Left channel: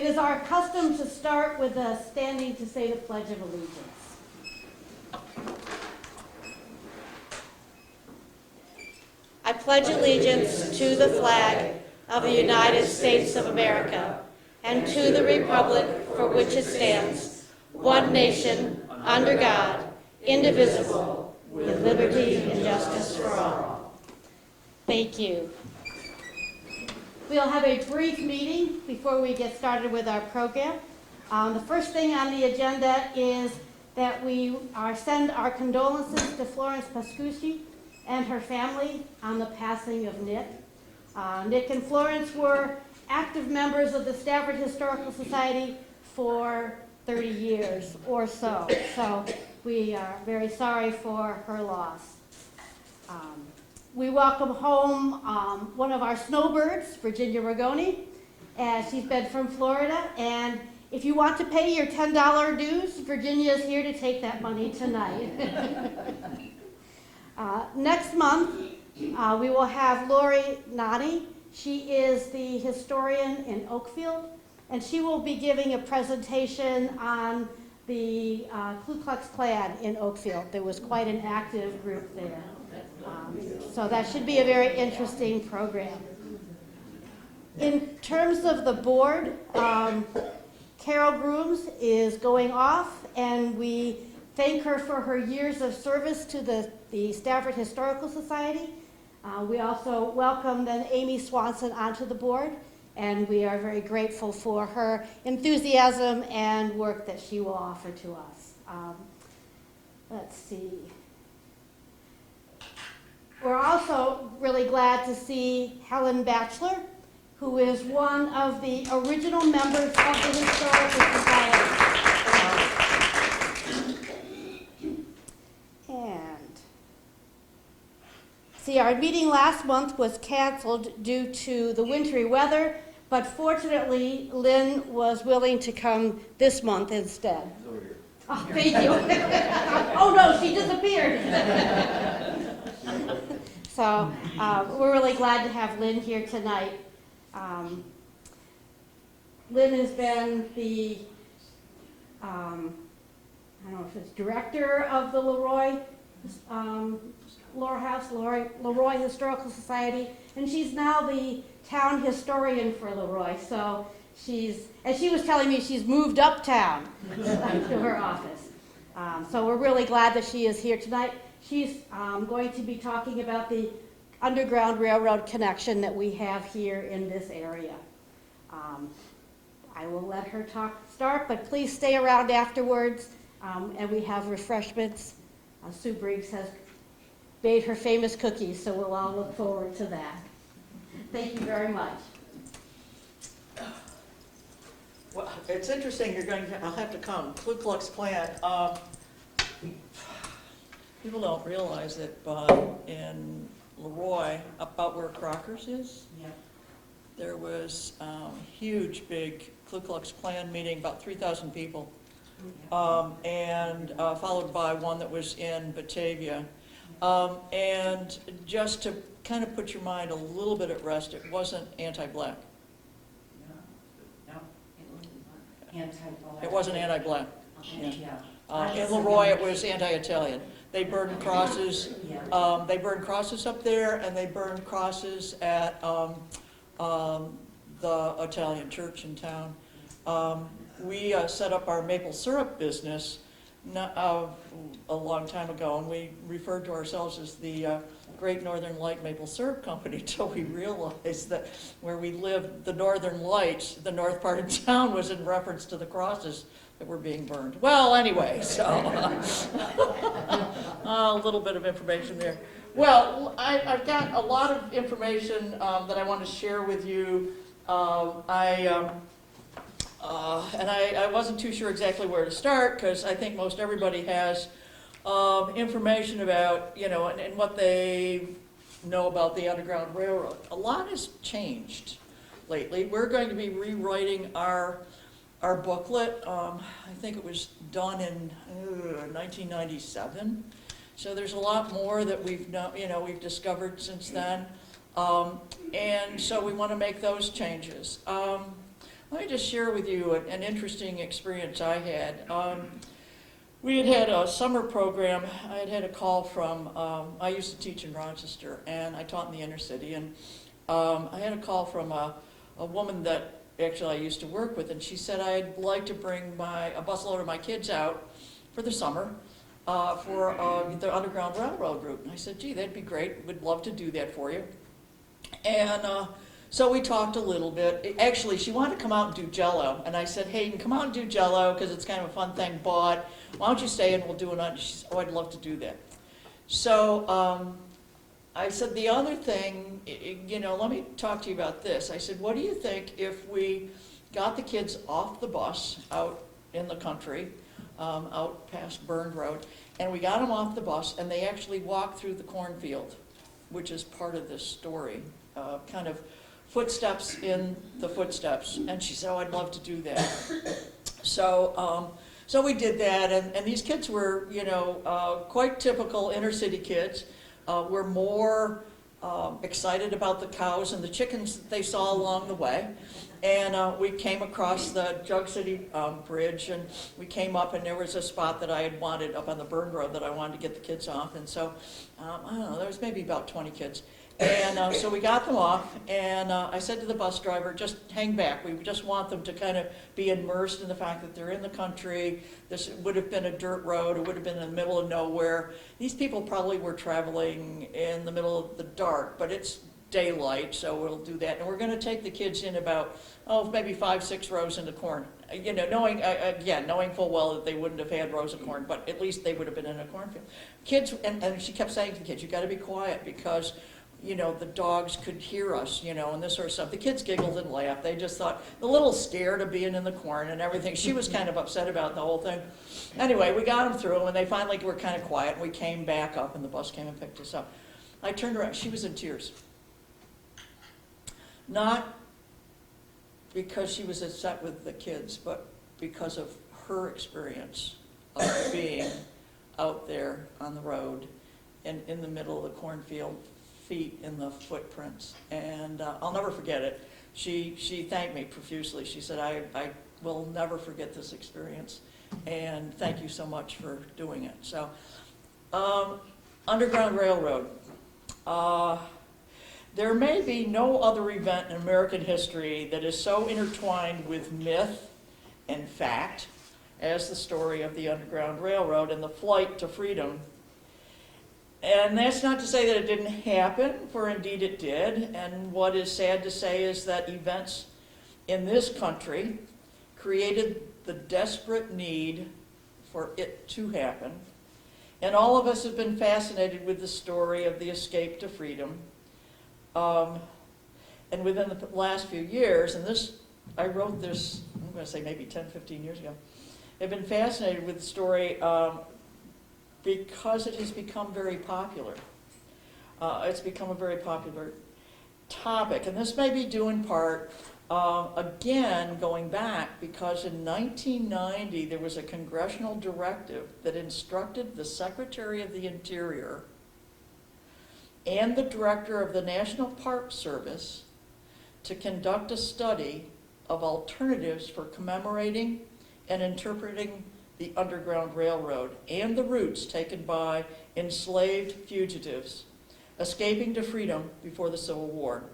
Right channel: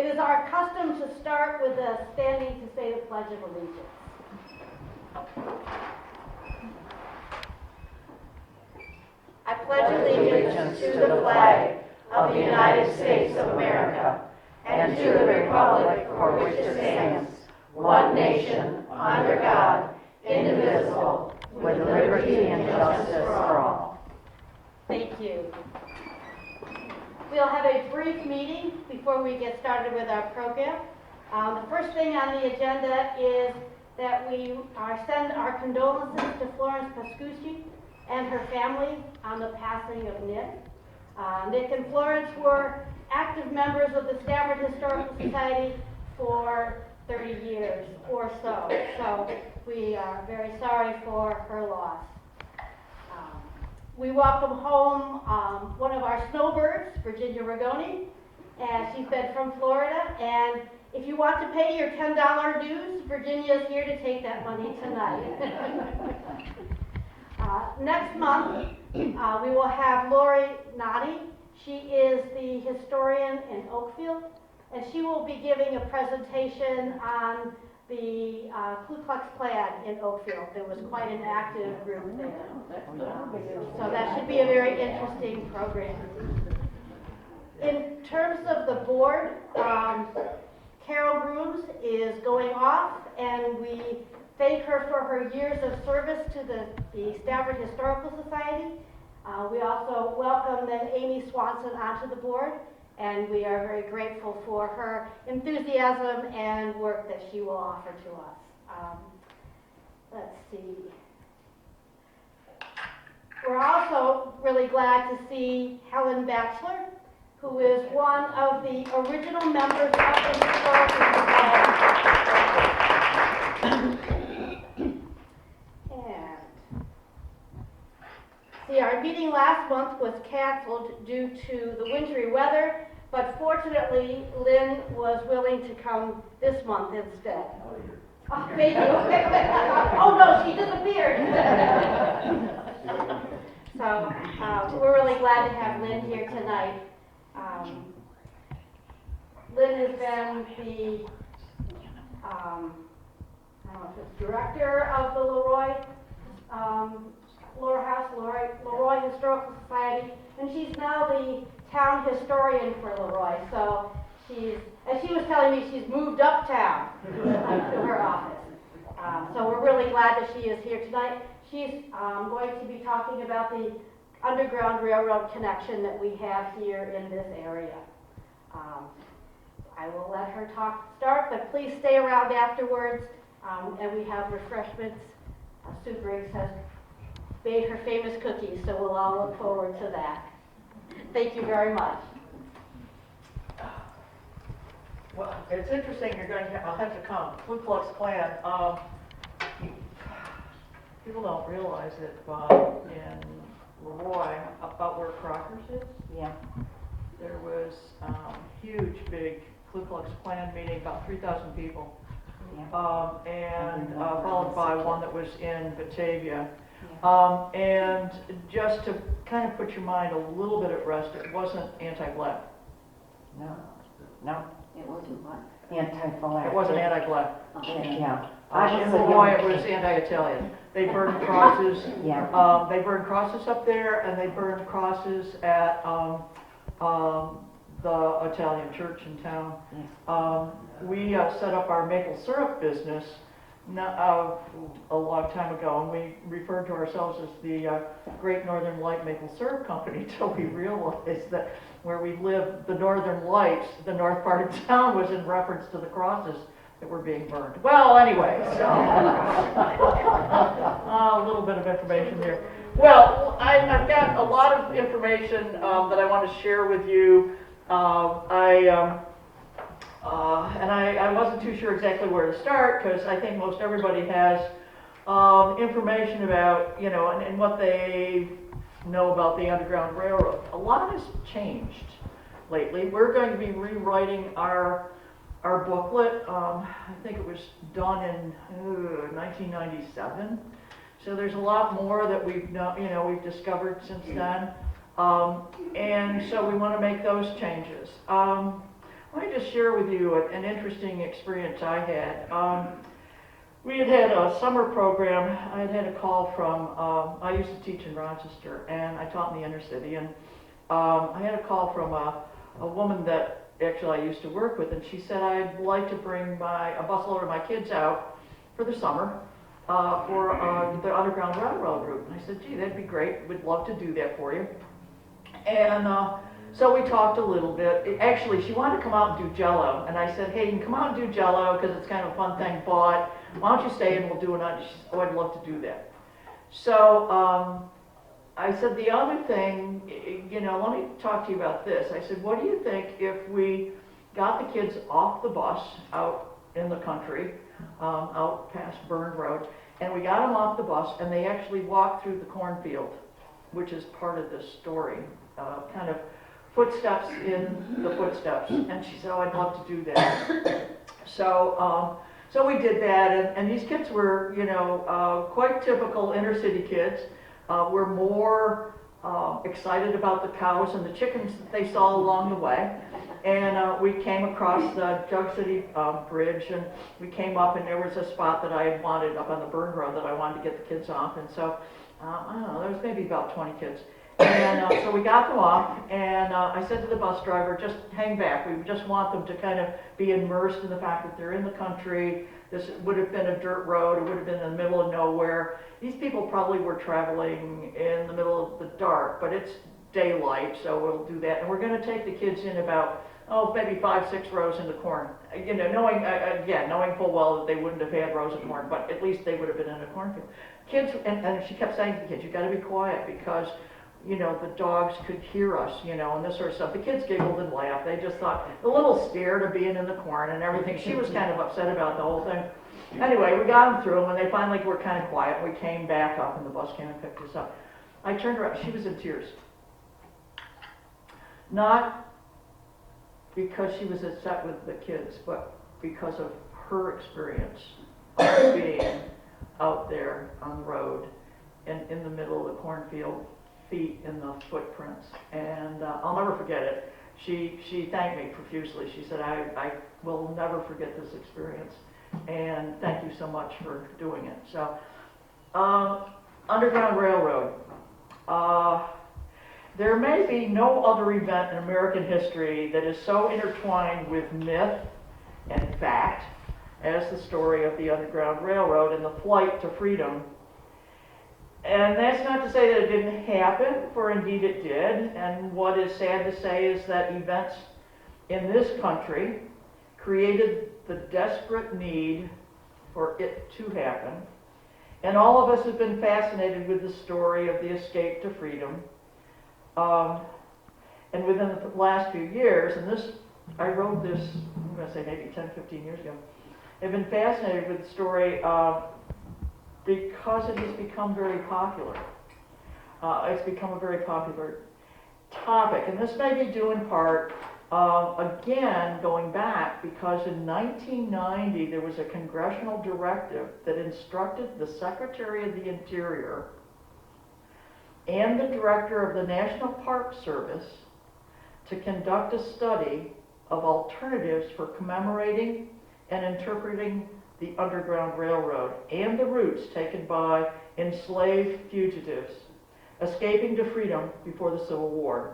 It is our custom to start with a standing to say the Pledge of Allegiance. I pledge allegiance to the flag of the United States of America and to the republic for which it stands, one nation, under God, indivisible, with liberty and justice for all. Thank you. We'll have a brief meeting before we get started with our program. The first thing on the agenda is that we send our condolences to Florence Pascucci and her family on the passing of Nick. Nick and Florence were active members of the Stafford Historical Society for 30 years or so. So we are very sorry for her loss. We welcome home one of our snowbirds, Virginia Rigoni, and she's been from Florida. And if you want to pay your $10 dues, Virginia is here to take that money tonight. Next month, we will have Lori Nani. She is the historian in Oakfield, and she will be giving a presentation on the Ku Klux Klan in Oakfield. There was quite an active group there. So that should be a very interesting program. In terms of the board, Carol Grooms is going off, and we thank her for her years of service to the Stafford Historical Society. We also welcome then Amy Swanson onto the board, and we are very grateful for her enthusiasm and work that she will offer to us. Let's see. We're also really glad to see Helen Batchelor, who is one of the original members of the Historical Society. Our meeting last month was canceled due to the wintry weather, but fortunately, Lynne was willing to come this month instead. Oh, thank you. Oh no, she disappeared. So we're really glad to have Lynne here tonight. Lynne has been the I don't know if it's director of the Leroy Historical Society, and she's now the town historian for Leroy. So as she was telling me, she's moved uptown to her office. So we're really glad that she is here tonight. She's going to be talking about the Underground Railroad connection that we have here in this area. I will let her start, but please stay around afterwards, and we have refreshments. Sue Briggs has made her famous cookies, so we'll all look forward to that. Thank you very much. Well, it's interesting. I'll have to come. Ku Klux Klan. People don't realize that in Leroy, about where Crockers is, there was a huge, big Ku Klux Klan meeting, about 3,000 people, and followed by one that was in Batavia. And just to kind of put your mind a little bit at rest, it wasn't anti-black. No, it wasn't anti-black. It wasn't anti-black. Yeah. In Leroy, it was anti-Italian. They burned crosses. They burned crosses up there, and they burned crosses at the Italian church in town. We set up our maple syrup business a long time ago, and we referred to ourselves as the Great Northern Light Maple Syrup Company until we realized that where we lived, the Northern Lights, the north part of town, was in reference to the crosses that were being burned. Well, anyway, so a little bit of information there. Well, I've got a lot of information that I want to share with you. And I wasn't too sure exactly where to start, because I think most everybody has information about, and what they know about the Underground Railroad. A lot has changed lately. We're going to be rewriting our booklet. I think it was done in 1997. So there's a lot more that we've discovered since then. And so we want to make those changes. Let me just share with you an interesting experience I had. We had a summer program. I had a call from, I used to teach in Rochester, and I taught in the inner city, and I had a call from a woman that actually I used to work with, and she said, I'd like to bring a busload of my kids out for the summer for the Underground Railroad route. And I said, gee, that'd be great. We'd love to do that for you. And so we talked a little bit. Actually, she wanted to come out and do Jello, and I said, hey, you can come out and do Jello because it's kind of a fun thing, but why don't you stay and we'll do it? She said, oh, I'd love to do that. So I said, the other thing, let me talk to you about this. I said, what do you think if we got the kids off the bus out in the country, out past Burned Road, and we got them off the bus and they actually walked through the cornfield, which is part of this story, kind of footsteps in the footsteps. And she said, oh, I'd love to do that. So we did that, and these kids were, quite typical inner city kids. Were more excited about the cows and the chickens that they saw along the way. And we came across the Jug City Bridge, and we came up, and there was a spot that I had wanted up on the Burned Road that I wanted to get the kids off. And so, I don't know, there was maybe about 20 kids. And so we got them off, and I said to the bus driver, just hang back. We just want them to kind of be immersed in the fact that they're in the country. This would have been a dirt road. It would have been in the middle of nowhere. These people probably were traveling in the middle of the dark, but it's daylight, so we'll do that. And we're going to take the kids in about, maybe 5-6 rows into corn. Knowing full well that they wouldn't have had rows of corn, but at least they would have been in a cornfield. Kids, and she kept saying to the kids, you got to be quiet because the dogs could hear us, and this sort of stuff. The kids giggled and laughed. They just thought, a little scared of being in the corn and everything. She was kind of upset about the whole thing. Anyway, we got them through, and they finally were kind of quiet, and we came back up, and the bus came and picked us up. I turned around. She was in tears. Not because she was upset with the kids, but because of her experience of being out there on the road and in the middle of the cornfield, feet in the footprints. And I'll never forget it. She thanked me profusely. She said, I will never forget this experience, and thank you so much for doing it. So, Underground Railroad. There may be no other event in American history that is so intertwined with myth and fact as the story of the Underground Railroad and the flight to freedom. And that's not to say that it didn't happen, for indeed it did. And what is sad to say is that events in this country created the desperate need for it to happen. And all of us have been fascinated with the story of the escape to freedom. And within the last few years, and I wrote this, I'm going to say maybe 10, 15 years ago, I've been fascinated with the story because it has become very popular. It's become a very popular topic, and this may be due in part, again, going back, because in 1990 there was a congressional directive that instructed the Secretary of the Interior and the Director of the National Park Service to conduct a study of alternatives for commemorating and interpreting the Underground Railroad and the routes taken by enslaved fugitives escaping to freedom before the Civil War.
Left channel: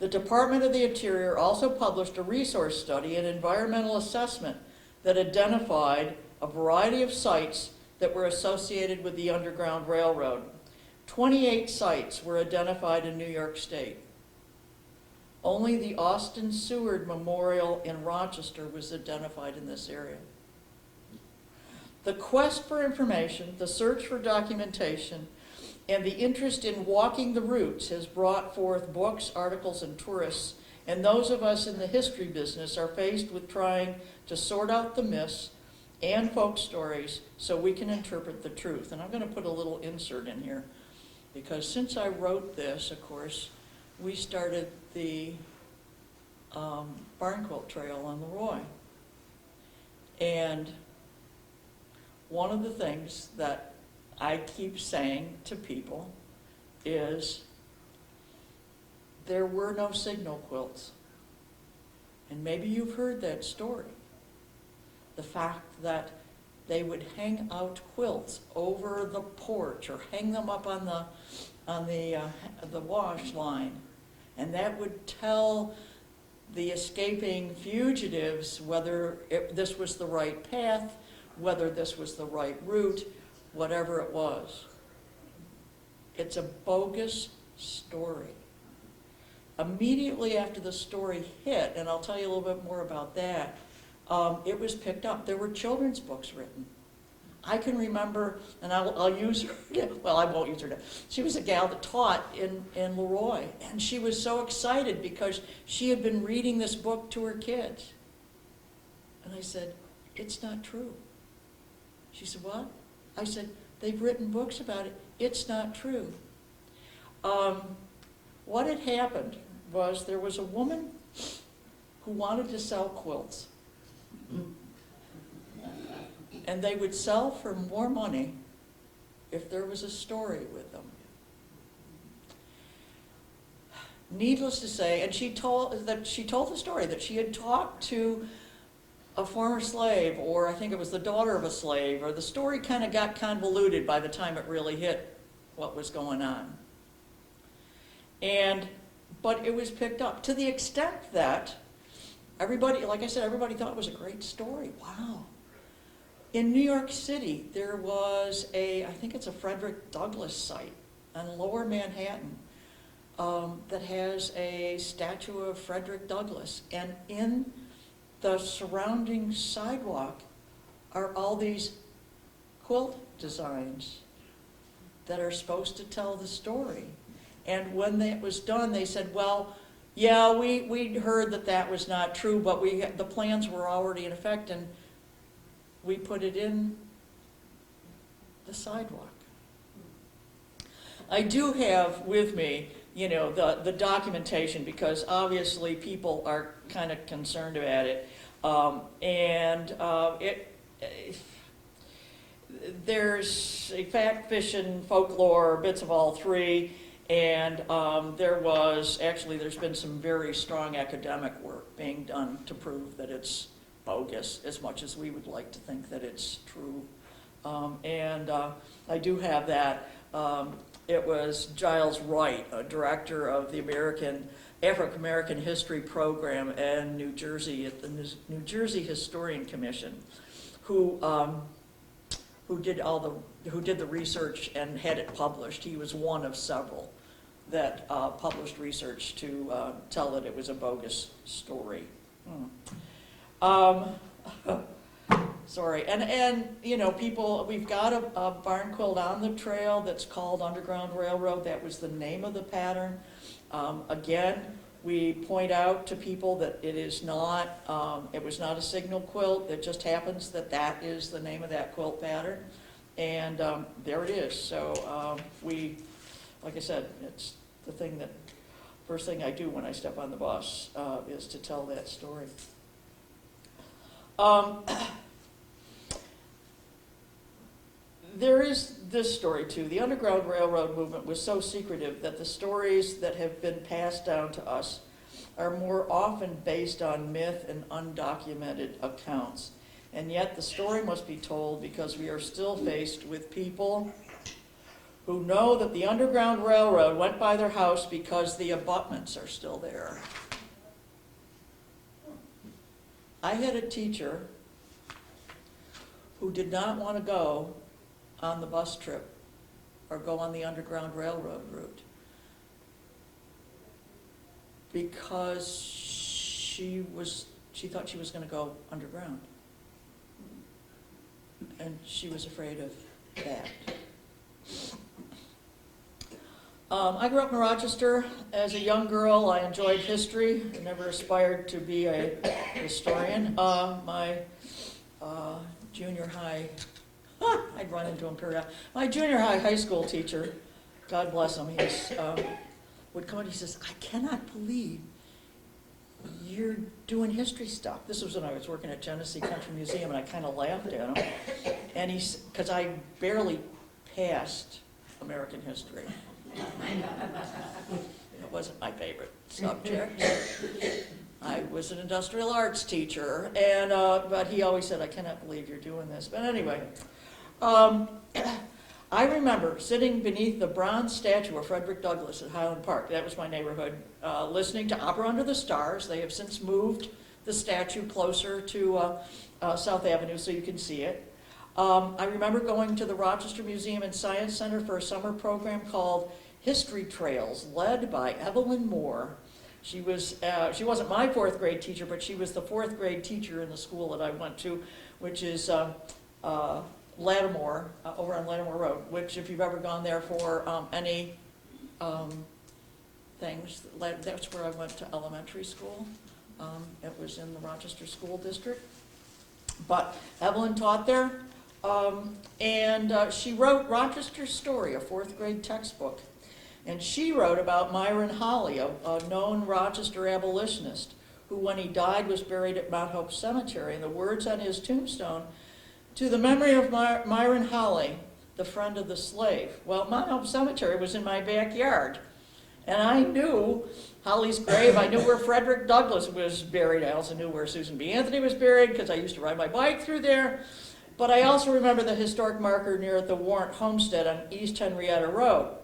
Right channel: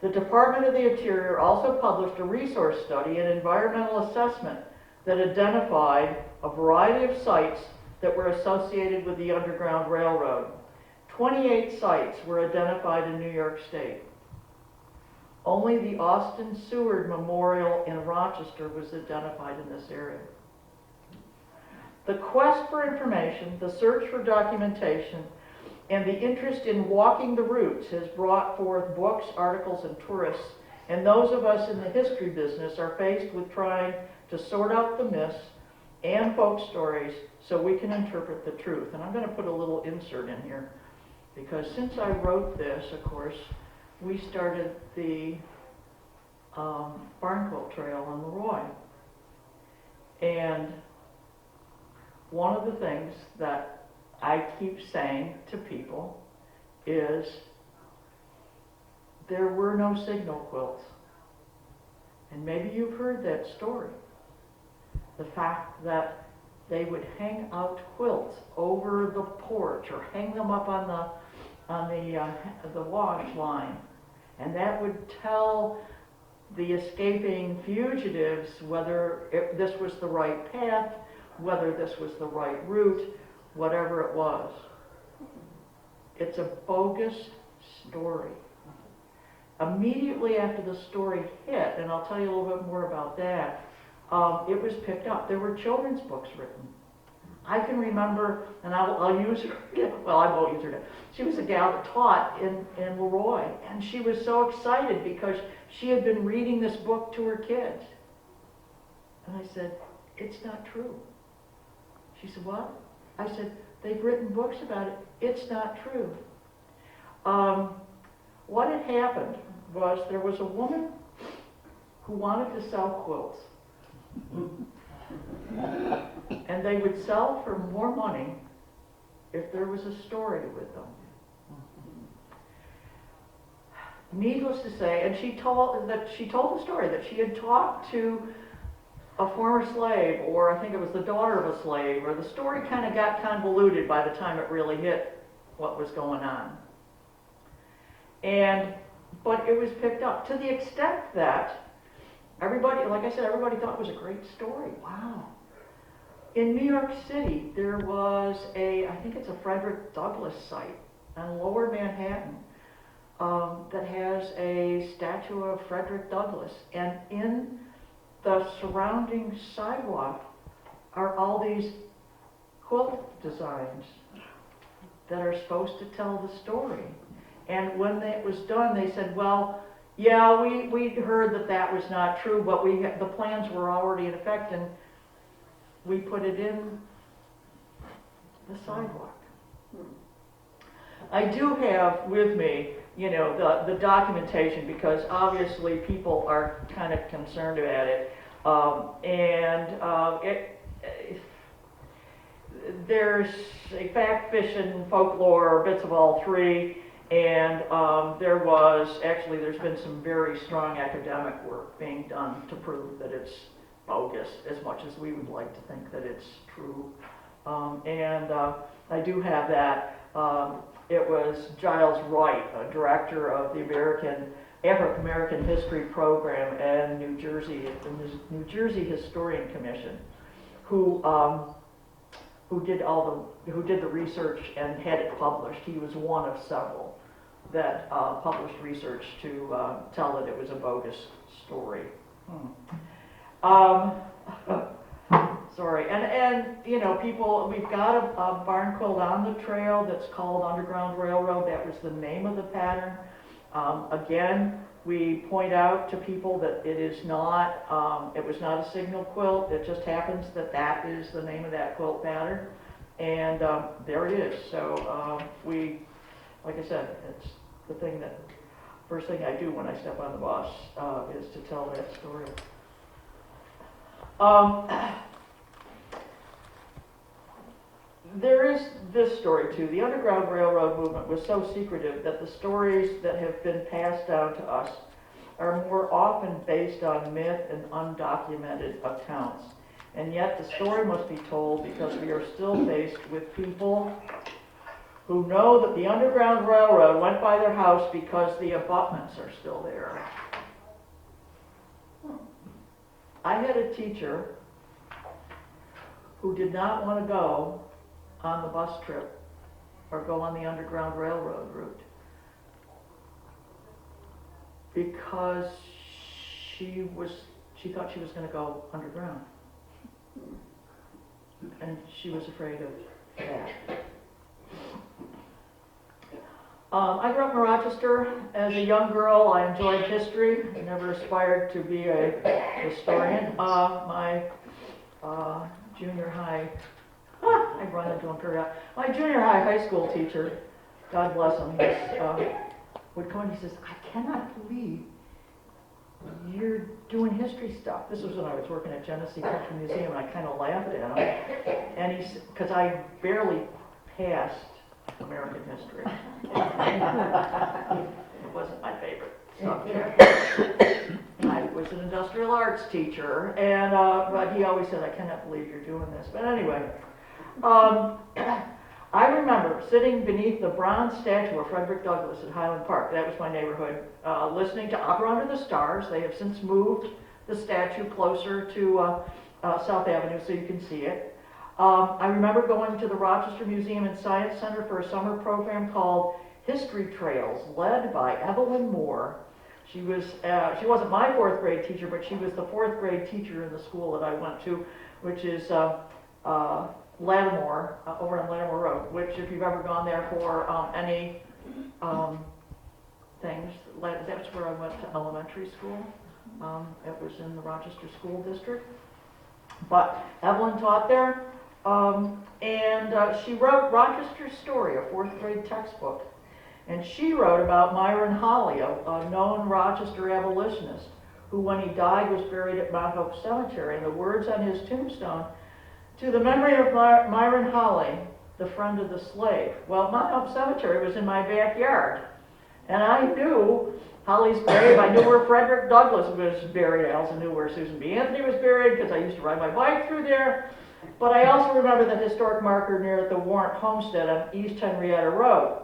The Department of the Interior also published a resource study and environmental assessment that identified a variety of sites that were associated with the Underground Railroad. 28 sites were identified in New York State. Only the Austin Seward Memorial in Rochester was identified in this area. The quest for information, the search for documentation, and the interest in walking the routes has brought forth books, articles, and tourists, and those of us in the history business are faced with trying to sort out the myths and folk stories so we can interpret the truth. And I'm going to put a little insert in here, because since I wrote this, of course, we started the Barn Quilt Trail on Leroy. And one of the things that I keep saying to people is there were no signal quilts. And maybe you've heard that story. The fact that they would hang out quilts over the porch or hang them up on the wash line, and that would tell the escaping fugitives whether this was the right path, whether this was the right route, whatever it was. It's a bogus story. Immediately after the story hit, and I'll tell you a little bit more about that, it was picked up. There were children's books written. I can remember, and I'll use her, well, I won't use her now. She was a gal that taught in Leroy, and she was so excited because she had been reading this book to her kids. And I said, it's not true. She said, what? I said, they've written books about it. It's not true. What had happened was there was a woman who wanted to sell quilts. And they would sell for more money if there was a story with them. Needless to say, and she told the story that she had talked to a former slave, or I think it was the daughter of a slave, or the story kind of got convoluted by the time it really hit what was going on. But it was picked up to the extent that everybody, like I said, everybody thought it was a great story. Wow. In New York City, there was I think it's a Frederick Douglass site on Lower Manhattan that has a statue of Frederick Douglass. And in the surrounding sidewalk are all these quilt designs that are supposed to tell the story. And when it was done, they said, well, yeah, we'd heard that was not true, but the plans were already in effect, and we put it in the sidewalk. I do have with me, the documentation, because obviously people are kind of concerned about it. There's a fact, fiction, folklore, bits of all three. And there's been some very strong academic work being done to prove that it's bogus, as much as we would like to think that it's true. I do have that. It was Giles Wright, a director of the African American History Program in New Jersey, at the New Jersey Historian Commission, who did the research and had it published. He was one of several that published research to tell that it was a bogus story. Sorry, and people, we've got a barn quilt on the trail that's called Underground Railroad. That was the name of the pattern. Again, we point out to people that it was not a signal quilt. It just happens that is the name of that quilt pattern. And there it is. So like I said, it's the first thing I do when I step on the bus is to tell that story. There is this story too. The Underground Railroad movement was so secretive that the stories that have been passed down to us are more often based on myth and undocumented accounts. And yet the story must be told because we are still faced with people who know that the Underground Railroad went by their house because the abutments are still there. I had a teacher who did not want to go on the bus trip or go on the Underground Railroad route because she thought she was going to go underground, and she was afraid of that. I grew up in Rochester. As a young girl, I enjoyed history. I never aspired to be a historian. My junior high, I'd run into him period. My junior high school teacher, God bless him, would come and he says, I cannot believe you're doing history stuff. This was when I was working at Genesee Country Museum, and I kind of laughed at him. And because I barely passed American history. It wasn't my favorite subject. I was an industrial arts teacher, and but he always said, I cannot believe you're doing this. But anyway, I remember sitting beneath the bronze statue of Frederick Douglass at Highland Park, that was my neighborhood, listening to Opera Under the Stars. They have since moved the statue closer to South Avenue so you can see it. I remember going to the Rochester Museum and Science Center for a summer program called History Trails, led by Evelyn Moore. She wasn't my fourth grade teacher, but she was the fourth grade teacher in the school that I went to, which is Lattimore, over on Lattimore Road, which if you've ever gone there for any things, that's where I went to elementary school. It was in the Rochester School District. But Evelyn taught there, and she wrote Rochester's Story, a fourth grade textbook. And she wrote about Myron Holly, a known Rochester abolitionist, who when he died was buried at Mount Hope Cemetery. And the words on his tombstone, to the memory of Myron Holly, the friend of the slave. Well, Mount Hope Cemetery was in my backyard. And I knew Holly's grave. I knew where Frederick Douglass was buried. I also knew where Susan B. Anthony was buried because I used to ride my bike through there. But I also remember the historic marker near the Warrant Homestead on East Henrietta Road.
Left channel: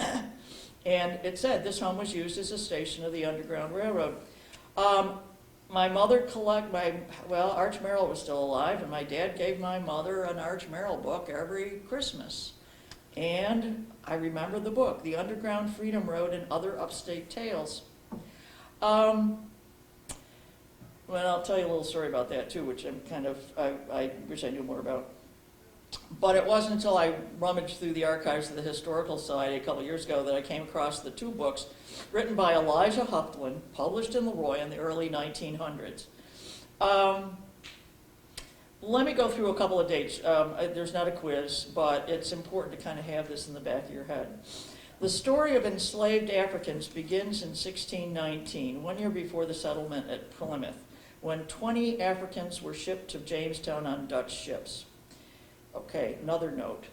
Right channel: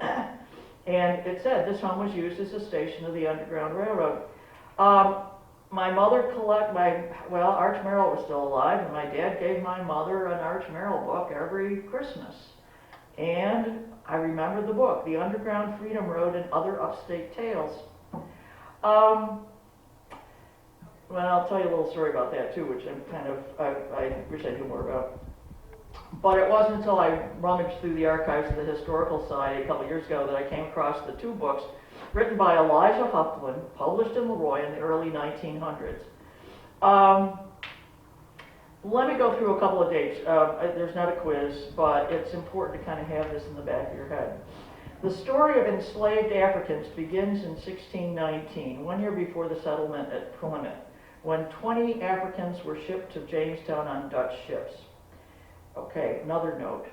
And it said this home was used as a station of the Underground Railroad. My mother Arch Merrill was still alive, and my dad gave my mother an Arch Merrill book every Christmas. And I remember the book, The Underground Freedom Road and Other Upstate Tales. Well, I'll tell you a little story about that too, which I wish I knew more about. But it wasn't until I rummaged through the archives of the Historical Society a couple years ago that I came across the two books written by Elijah Hufflin, published in Leroy in the early 1900s. Let me go through a couple of dates. There's not a quiz, but it's important to kind of have this in the back of your head. The story of enslaved Africans begins in 1619, 1 year before the settlement at Plymouth, when 20 Africans were shipped to Jamestown on Dutch ships. Okay, another note.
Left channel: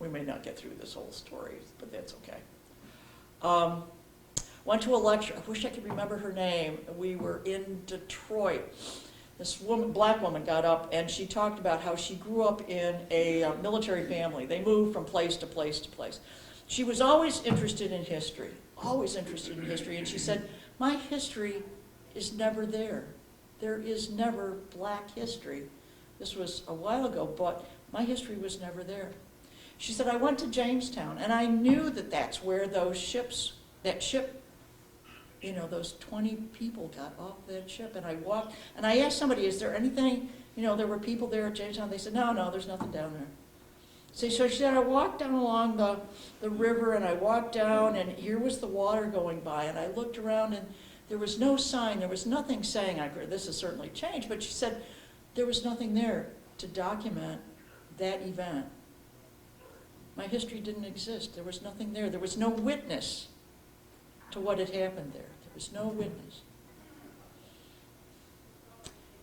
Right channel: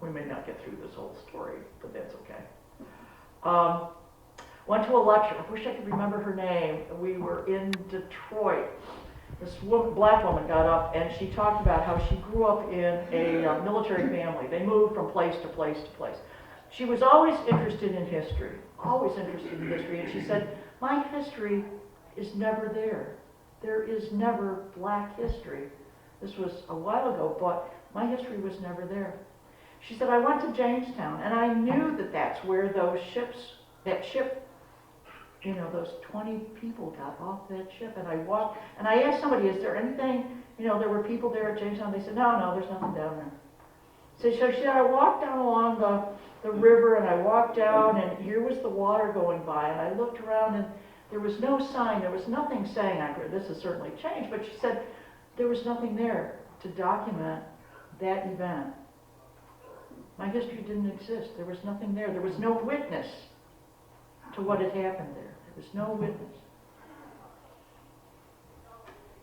We may not get through this whole story, but that's okay. Went to a lecture. I wish I could remember her name. We were in Detroit. This woman, black woman, got up and she talked about how she grew up in a military family. They moved from place to place to place. She was always interested in history, and she said, my history is never there. There is never black history. This was a while ago, but my history was never there. She said, I went to Jamestown, and I knew that that's where those ships, that ship, you know, those 20 people got off that ship, and I walked, and I asked somebody, is there anything, you know, there were people there at Jamestown. They said, no, there's nothing down there. So she said, I walked down along the river, and I walked down, and here was the water going by, and I looked around, and there was no sign, there was nothing saying, this has certainly changed, but she said, there was nothing there to document that event. My history didn't exist. There was nothing there. There was no witness to what had happened there. There was no witness.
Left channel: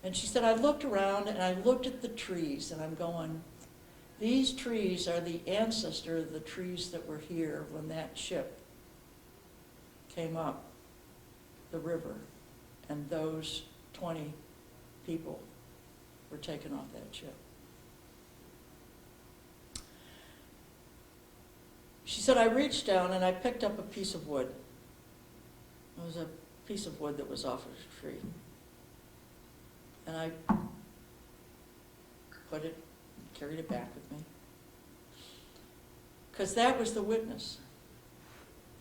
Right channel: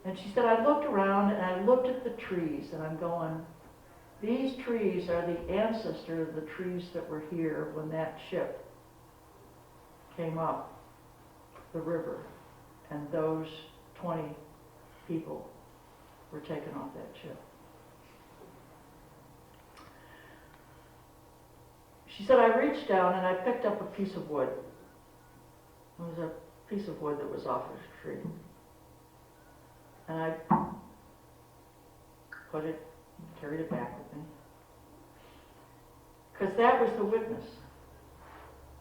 And she said, I looked around and I looked at the trees and I'm going, these trees are the ancestor of the trees that were here when that ship came up the river and those 20 people were taken off that ship. She said, I reached down and I picked up a piece of wood. It was a piece of wood that was off of a tree. And I carried it back with me. Because that was the witness.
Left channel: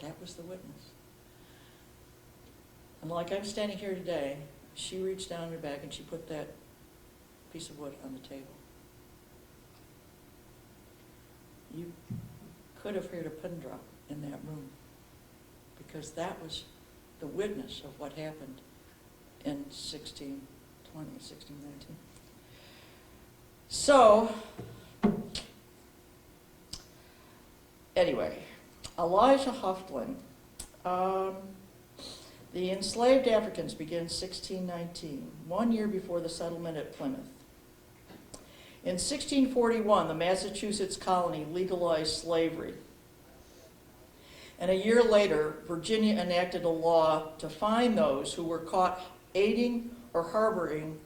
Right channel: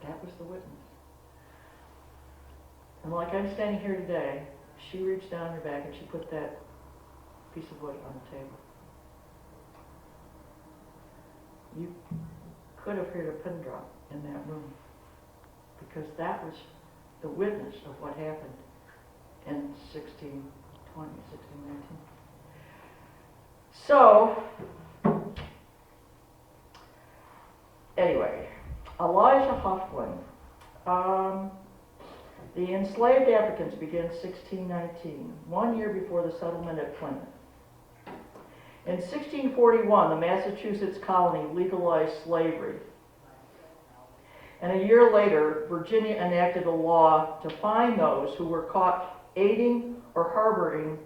That was the witness. And like I'm standing here today, she reached down her bag and she put that piece of wood on the table. You could have heard a pin drop in that room because that was the witness of what happened in 1620, 1619. So, anyway, Elijah Hufflin, the enslaved Africans began 1619, 1 year before the settlement at Plymouth. In 1641, the Massachusetts colony legalized slavery. And a year later, Virginia enacted a law to fine those who were caught aiding or harboring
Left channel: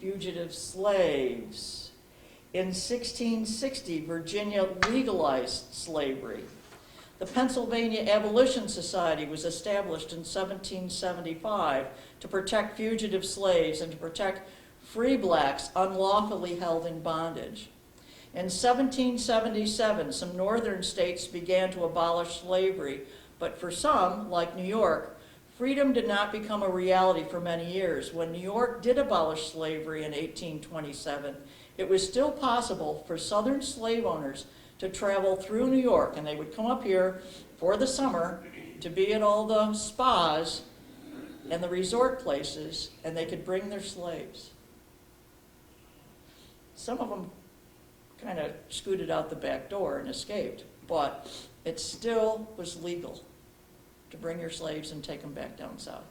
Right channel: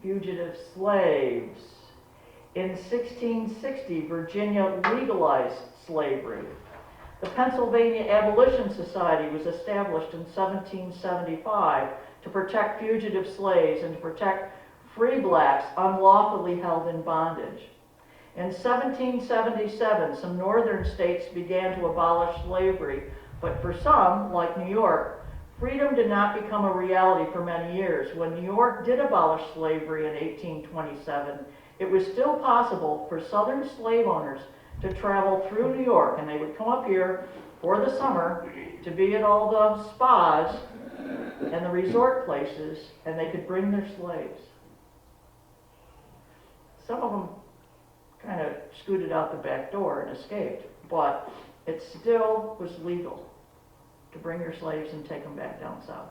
fugitive slaves. In 1660, Virginia legalized slavery. The Pennsylvania Abolition Society was established in 1775 to protect fugitive slaves and to protect free blacks unlawfully held in bondage. In 1777, some northern states began to abolish slavery, but for some, like New York, freedom did not become a reality for many years. When New York did abolish slavery in 1827, it was still possible for southern slave owners to travel through New York, and they would come up here for the summer to be at all the spas and the resort places, and they could bring their slaves. Some of them kind of scooted out the back door and escaped, but it still was legal to bring your slaves and take them back down south.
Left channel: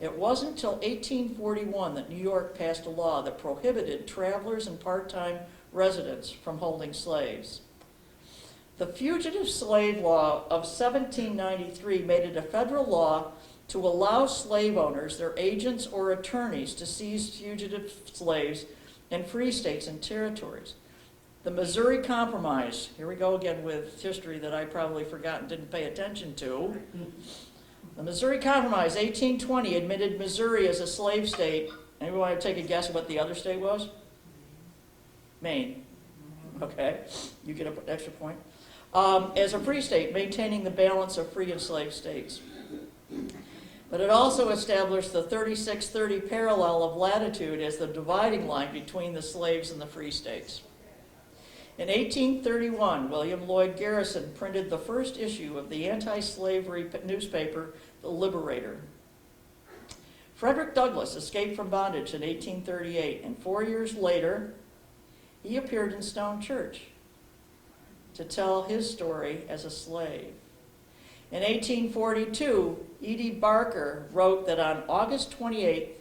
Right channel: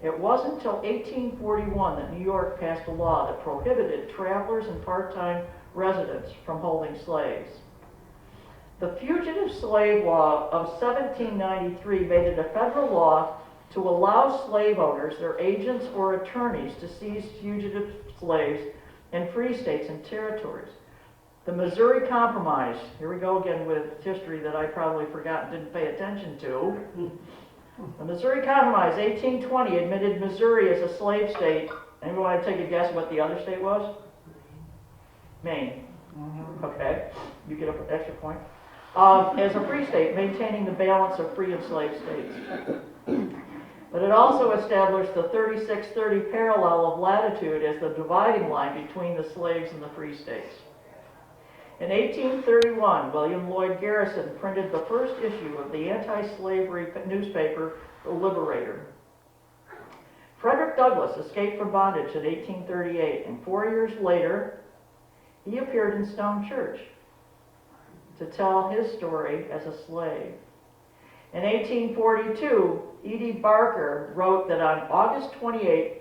It wasn't until 1841 that New York passed a law that prohibited travelers and part-time residents from holding slaves. The Fugitive Slave Law of 1793 made it a federal law to allow slave owners, their agents, or attorneys to seize fugitive slaves in free states and territories. The Missouri Compromise, here we go again with history that I probably forgot and didn't pay attention to. The Missouri Compromise, 1820, admitted Missouri as a slave state. Anyone want to take a guess what the other state was? Maine. Okay, you get an extra point. As a free state, maintaining the balance of free and slave states. But it also established the 3630 parallel of latitude as the dividing line between the slaves and the free states. In 1831, William Lloyd Garrison printed the first issue of the anti-slavery newspaper, The Liberator. Frederick Douglass escaped from bondage in 1838, and 4 years later, he appeared in Stone Church to tell his story as a slave. In 1842, E.D. Barker wrote that on August 28th,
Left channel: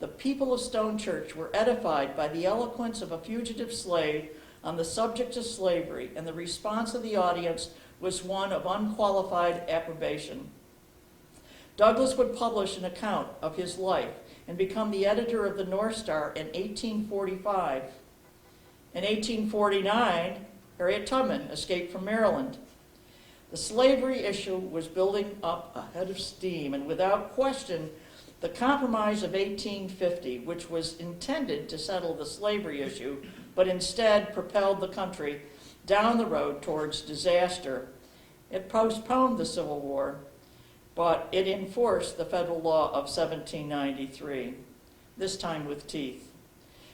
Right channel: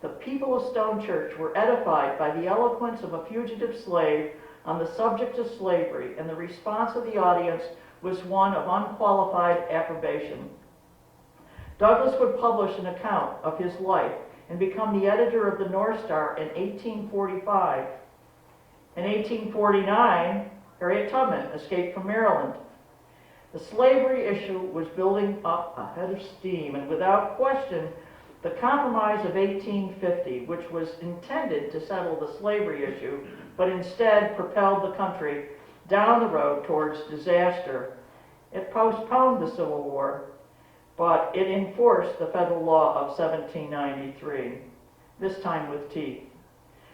the people of Stone Church were edified by the eloquence of a fugitive slave on the subject of slavery, and the response of the audience was one of unqualified approbation. Douglass would publish an account of his life and become the editor of the North Star in 1845. In 1849, Harriet Tubman escaped from Maryland. The slavery issue was building up a head of steam, and without question, the Compromise of 1850, which was intended to settle the slavery issue, but instead propelled the country down the road towards disaster. It postponed the Civil War, but it enforced the federal law of 1793, this time with teeth.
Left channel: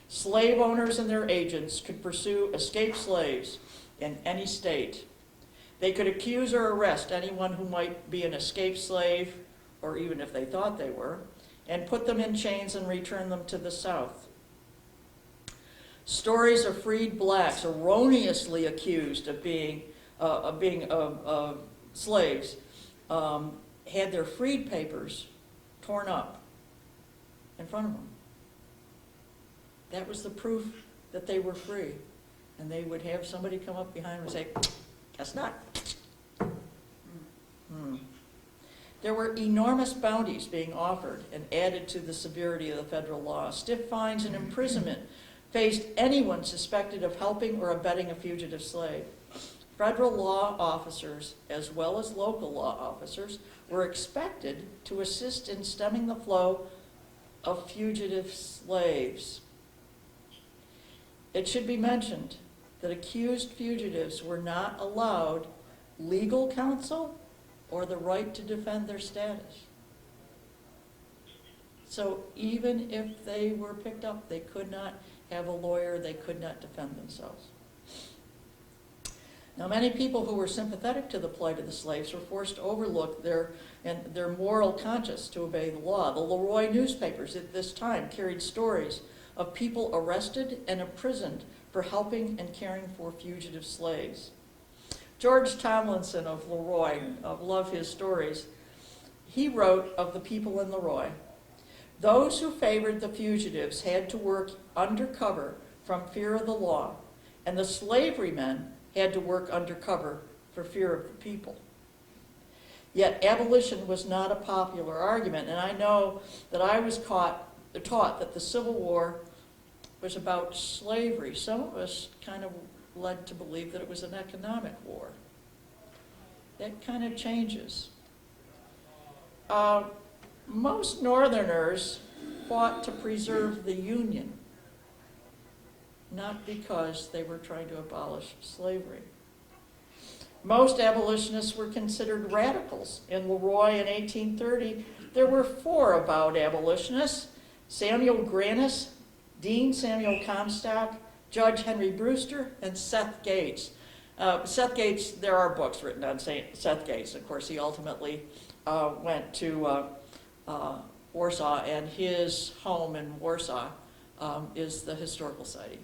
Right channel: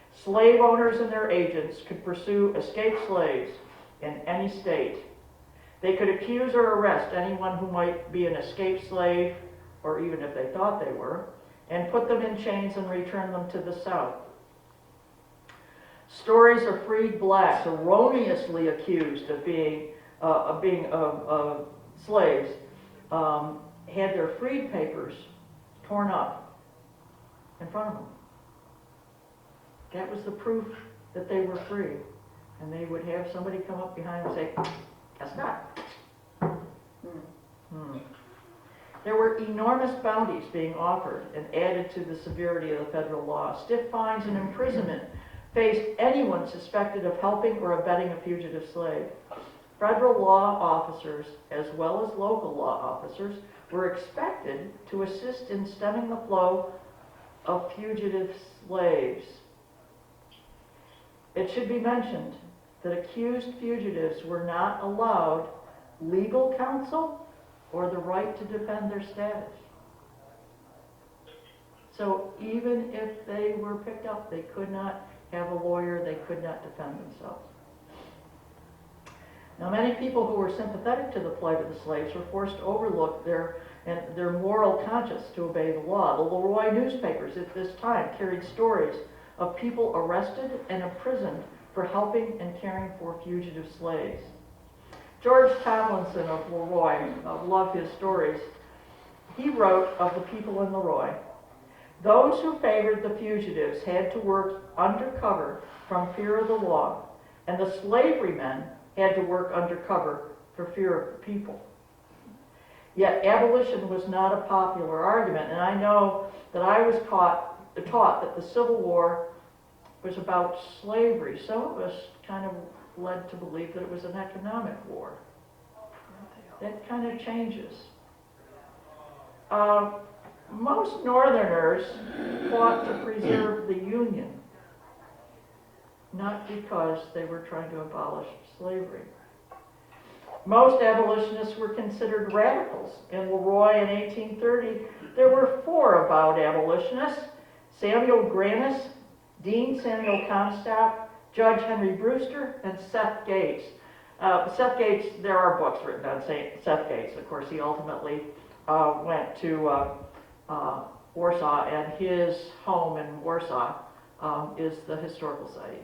Slave owners and their agents could pursue escaped slaves in any state. They could accuse or arrest anyone who might be an escaped slave, or even if they thought they were, and put them in chains and return them to the South. Stories of freed blacks erroneously accused of being slaves had their freed papers torn up in front of them. That was the proof that they were free. And they would have somebody come up behind them and say, "Guess not." There were enormous bounties being offered and added to the severity of the federal law. Stiff fines and imprisonment faced anyone suspected of helping or abetting a fugitive slave. Federal law officers, as well as local law officers, were expected to assist in stemming the flow of fugitive slaves. It should be mentioned that accused fugitives were not allowed legal counsel or the right to defend their status. So even if they were picked up, they could not have a lawyer, they could not defend themselves. Now, many people who were sympathetic to the plight of the slaves were forced to overlook their moral conscience to obey the law. The Leroy newspapers at this time carried stories of people arrested and imprisoned for helping and caring for fugitive slaves. George Tomlinson of Leroy, I love his stories. He wrote of the people in Leroy, "Those who favored the fugitives had to work undercover from fear of the law, and the slavery men had to work undercover for fear of the people. Yet abolition was not a popular argument, and I know that I was taught that the Civil War was about slavery. Some of us kind of led to believe that it was an economic war. That kind of changes. Most Northerners fought to preserve the Union, not because they were trying to abolish slavery. Most abolitionists were considered radicals. In Leroy in 1830, there were 4 avowed abolitionists: Samuel Grannis, Dean Samuel Comstock, Judge Henry Brewster, and Seth Gates. Seth Gates, there are books written on Seth Gates. Of course, he ultimately went to Warsaw, and his home in Warsaw is the Historical Society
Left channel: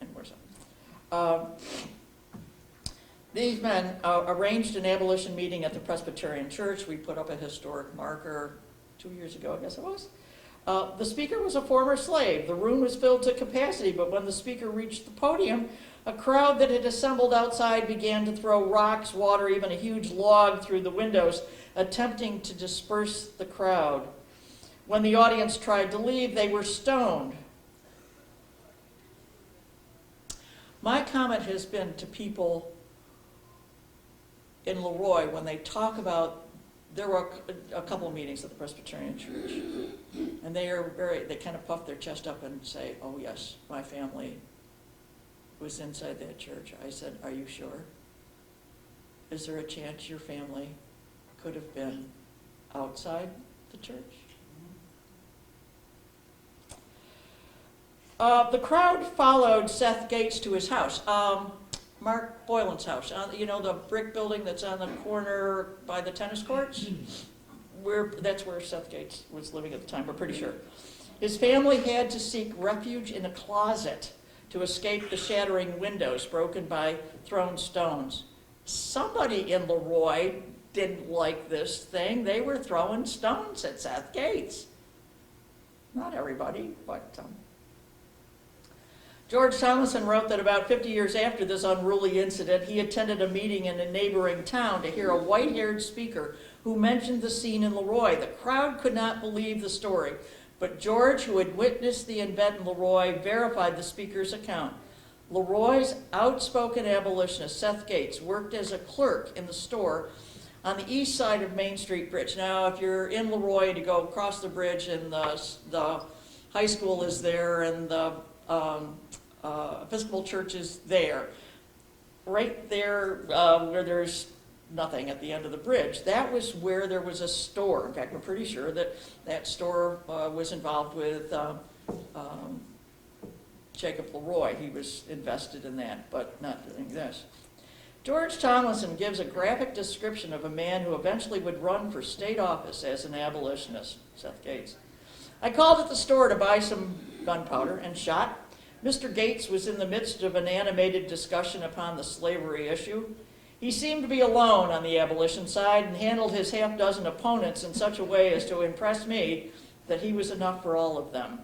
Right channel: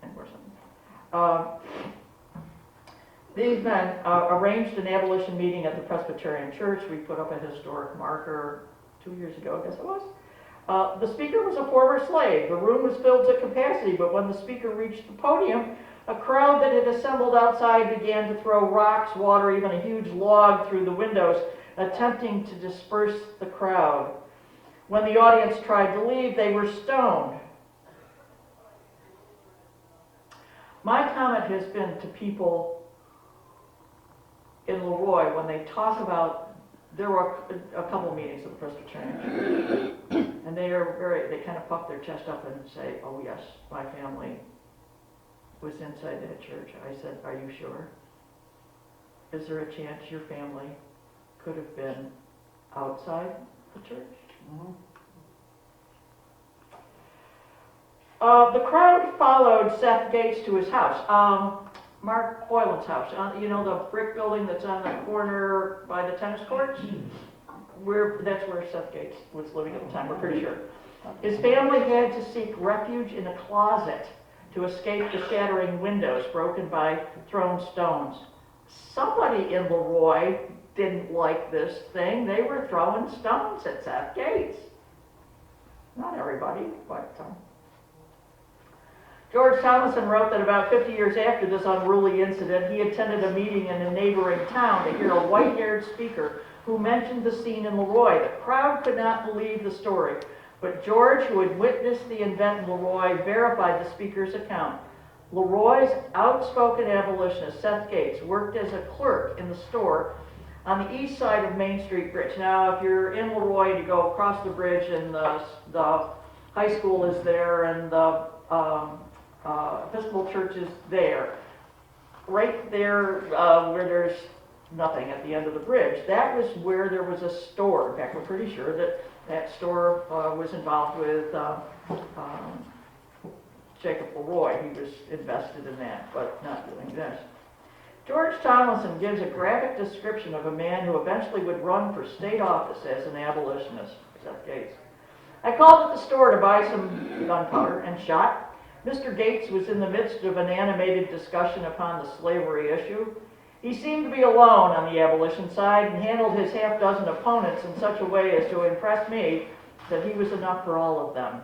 in Warsaw. These men arranged an abolition meeting at the Presbyterian Church. We put up a historic marker 2 years ago, I guess it was. The speaker was a former slave. The room was filled to capacity, but when the speaker reached the podium, a crowd that had assembled outside began to throw rocks, water, even a huge log through the windows, attempting to disperse the crowd. When the audience tried to leave, they were stoned. My comment has been to people in Leroy when they talk about, there were a couple meetings at the Presbyterian Church, and they kind of puff their chest up and say, "Oh yes, my family was inside that church." I said, "Are you sure? Is there a chance your family could have been outside the church?" The crowd followed Seth Gates to his house, Mark Boylan's house. You know the brick building that's on the corner by the tennis courts? That's where Seth Gates was living at the time, we're pretty sure. His family had to seek refuge in a closet to escape the shattering windows broken by thrown stones. Somebody in Leroy didn't like this thing. They were throwing stones at Seth Gates. Not everybody, but George Thomason wrote that about 50 years after this unruly incident, he attended a meeting in a neighboring town to hear a white-haired speaker who mentioned the scene in Leroy. The crowd could not believe the story, but George, who had witnessed the event in Leroy, verified the speaker's account. Leroy's outspoken abolitionist, Seth Gates, worked as a clerk in the store on the east side of Main Street Bridge. Now, if you're in Leroy and you go across the bridge and the high school is there and the Episcopal church is there, right there where there's nothing at the end of the bridge, that was where there was a store. In fact, we're pretty sure that that store was involved with Jacob Leroy. He was invested in that, but not doing this. George Tomlinson gives a graphic description of a man who eventually would run for state office as an abolitionist, Seth Gates. "I called at the store to buy some gunpowder and shot. Mr. Gates was in the midst of an animated discussion upon the slavery issue. He seemed to be alone on the abolition side and handled his half-dozen opponents in such a way as to impress me that he was enough for all of them.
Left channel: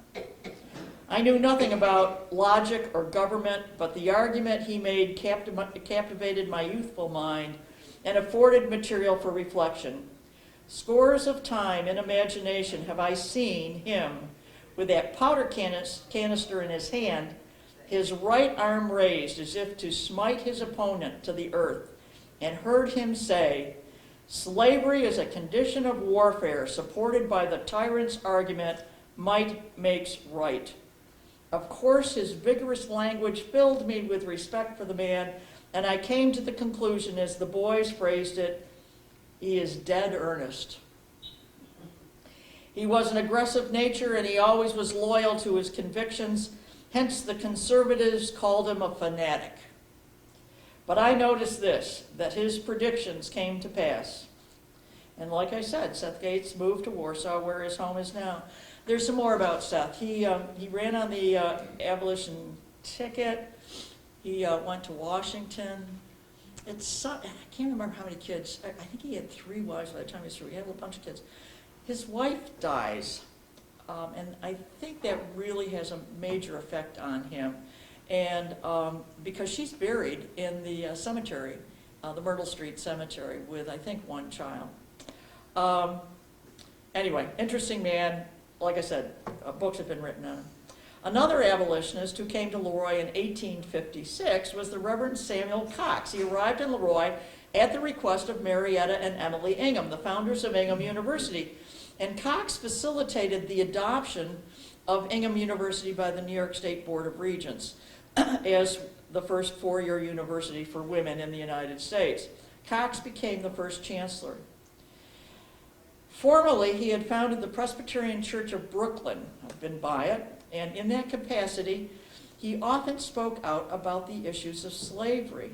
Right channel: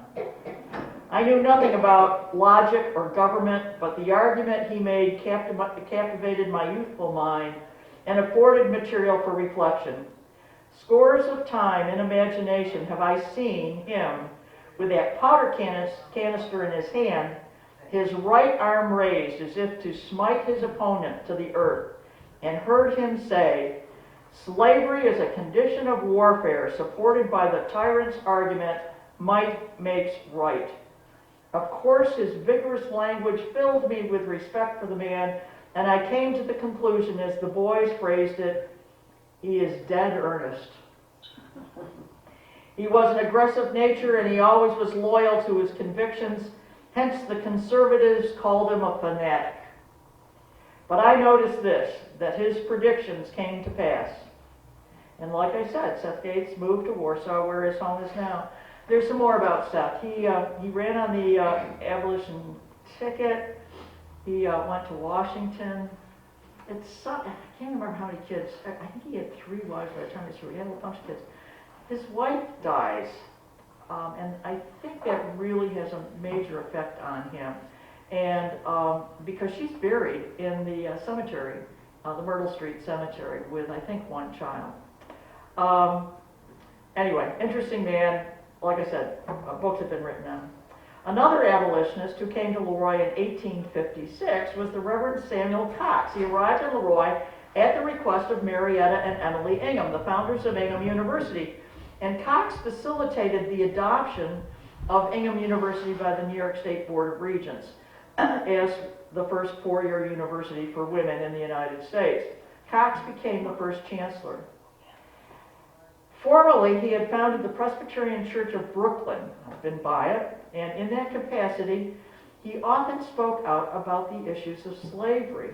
I knew nothing about logic or government, but the argument he made captivated my youthful mind and afforded material for reflection. Scores of times in imagination have I seen him with that powder canister in his hand, his right arm raised as if to smite his opponent to the earth, and heard him say, 'Slavery is a condition of warfare supported by the tyrant's argument, might makes right.' Of course, his vigorous language filled me with respect for the man, and I came to the conclusion, as the boys phrased it, he is dead earnest. He was an aggressive nature, and he always was loyal to his convictions, hence the conservatives called him a fanatic. But I noticed this, that his predictions came to pass. And like I said, Seth Gates moved to Warsaw, where his home is now. There's some more about Seth. He ran on the abolition ticket. He went to Washington. I can't remember how many kids. I think he had 3 wives by the time he was through. He had a bunch of kids. His wife dies, and I think that really has a major effect on him. And because she's buried in the cemetery, the Myrtle Street Cemetery with, I think, one child. Anyway, interesting man. Like I said, books have been written on. Another abolitionist who came to Leroy in 1856 was the Reverend Samuel Cox. He arrived in Leroy at the request of Marietta and Emily Ingham, the founders of Ingham University. And Cox facilitated the adoption of Ingham University by the New York State Board of Regents as the first four-year university for women in the United States. Cox became the first chancellor. Formerly, he had founded the Presbyterian Church of Brooklyn. I've been by it, and in that capacity, he often spoke out about the issues of slavery.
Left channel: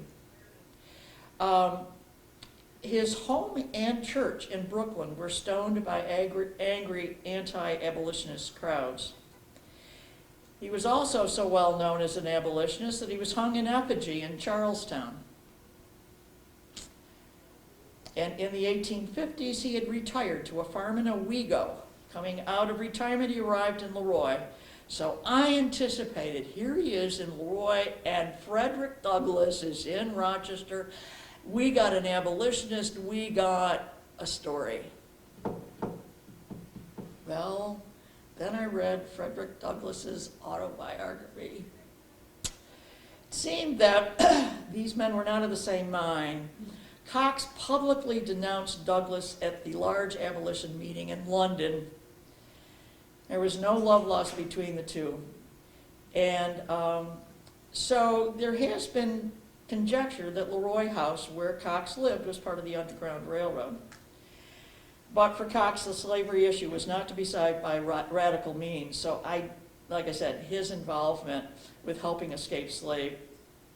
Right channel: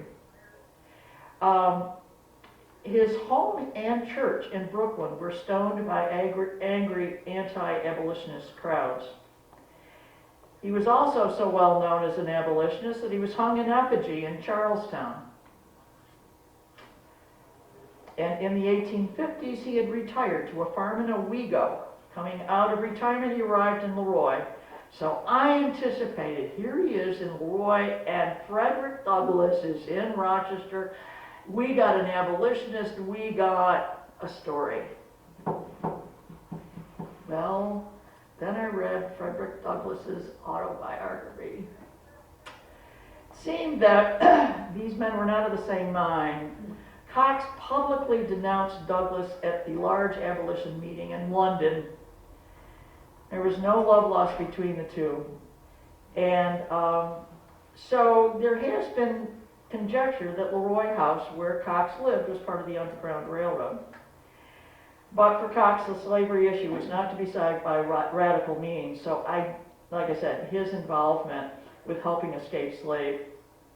His home and church in Brooklyn were stoned by angry anti-abolitionist crowds. He was also so well known as an abolitionist that he was hung in effigy in Charlestown. And in the 1850s, he had retired to a farm in Owego. Coming out of retirement, he arrived in Leroy. So I anticipated, here he is in Leroy, and Frederick Douglass is in Rochester. We got an abolitionist, we got a story. Well, then I read Frederick Douglass's autobiography. It seemed that these men were not of the same mind. Cox publicly denounced Douglass at the large abolition meeting in London. There was no love lost between the two. And so there has been conjecture that Leroy House, where Cox lived, was part of the Underground Railroad. But for Cox, the slavery issue was not to be solved by radical means. So like I said, his involvement with helping escape slave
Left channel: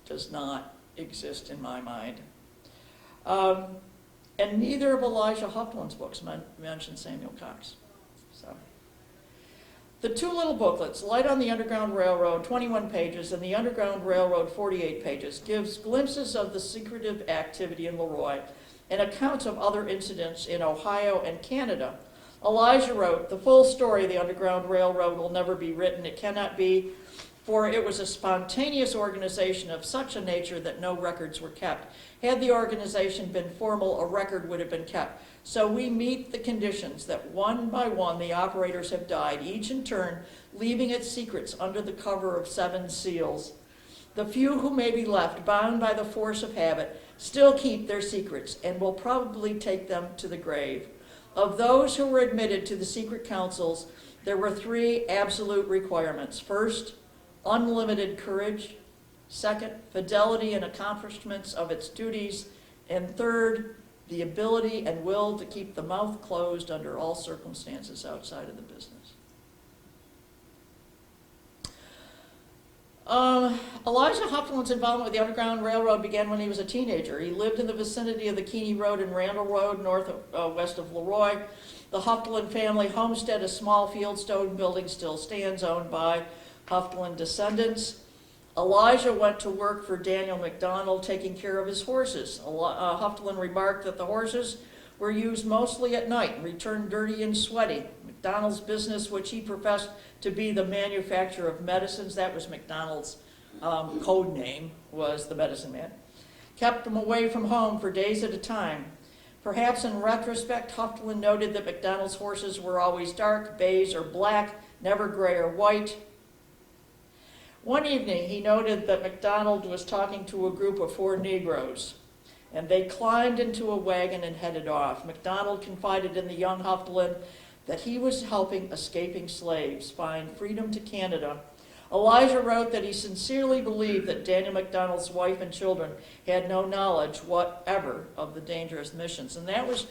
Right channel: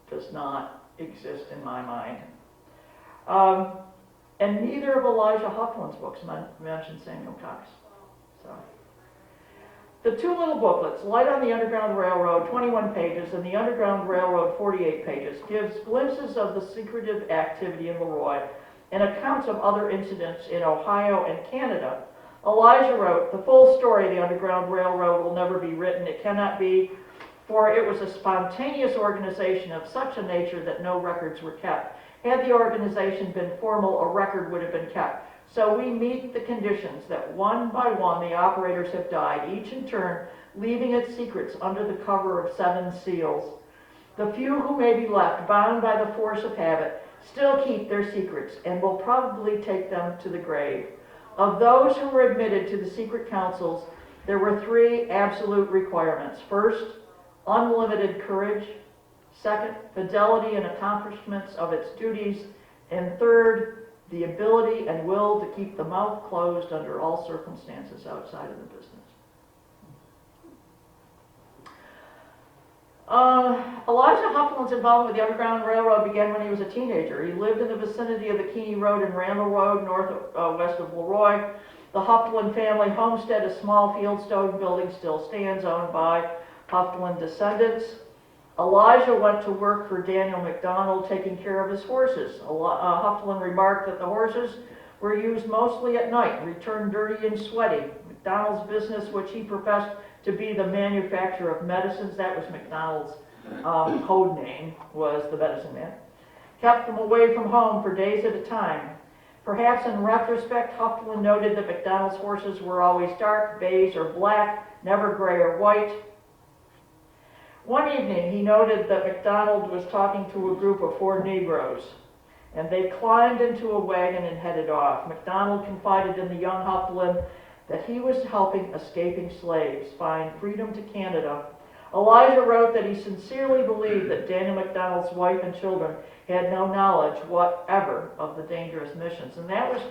does not exist in my mind. And neither of Elijah Hufflin's books mention Samuel Cox. So, the two little booklets, Light on the Underground Railroad, 21 pages, and The Underground Railroad, 48 pages, gives glimpses of the secretive activity in Leroy and accounts of other incidents in Ohio and Canada. Elijah wrote, "The full story of the Underground Railroad will never be written. It cannot be, for it was a spontaneous organization of such a nature that no records were kept. Had the organization been formal, a record would have been kept. So we meet the conditions that one by one the operators have died, each in turn leaving its secrets under the cover of 7 seals. The few who may be left, bound by the force of habit, still keep their secrets and will probably take them to the grave. Of those who were admitted to the secret councils, there were 3 absolute requirements. First, unlimited courage. Second, fidelity and accomplishments of its duties. And third, the ability and will to keep the mouth closed under all circumstances outside of the business." Elijah Hufflin's involvement with the Underground Railroad began when he was a teenager. He lived in the vicinity of the Keeney Road and Randall Road, west of Leroy. The Hufflin family homestead, a small fieldstone building, still stands, owned by Hufflin descendants. Elijah went to work for Daniel McDonald, taking care of his horses. Hufflin remarked that the horses were used mostly at night and returned dirty and sweaty. McDonald's business, which he professed to be the manufacture of medicines, that was McDonald's code name, was the medicine man, kept them away from home for days at a time. Perhaps in retrospect, Hufflin noted that McDonald's horses were always dark, beige, or black, never gray or white. One evening, he noted that McDonald was talking to a group of 4 Negroes, and they climbed into a wagon and headed off. McDonald confided in the young Hufflin that he was helping escaping slaves find freedom to Canada. Elijah wrote that he sincerely believed that Daniel McDonald's wife and children had no knowledge whatever of the dangerous missions. And that was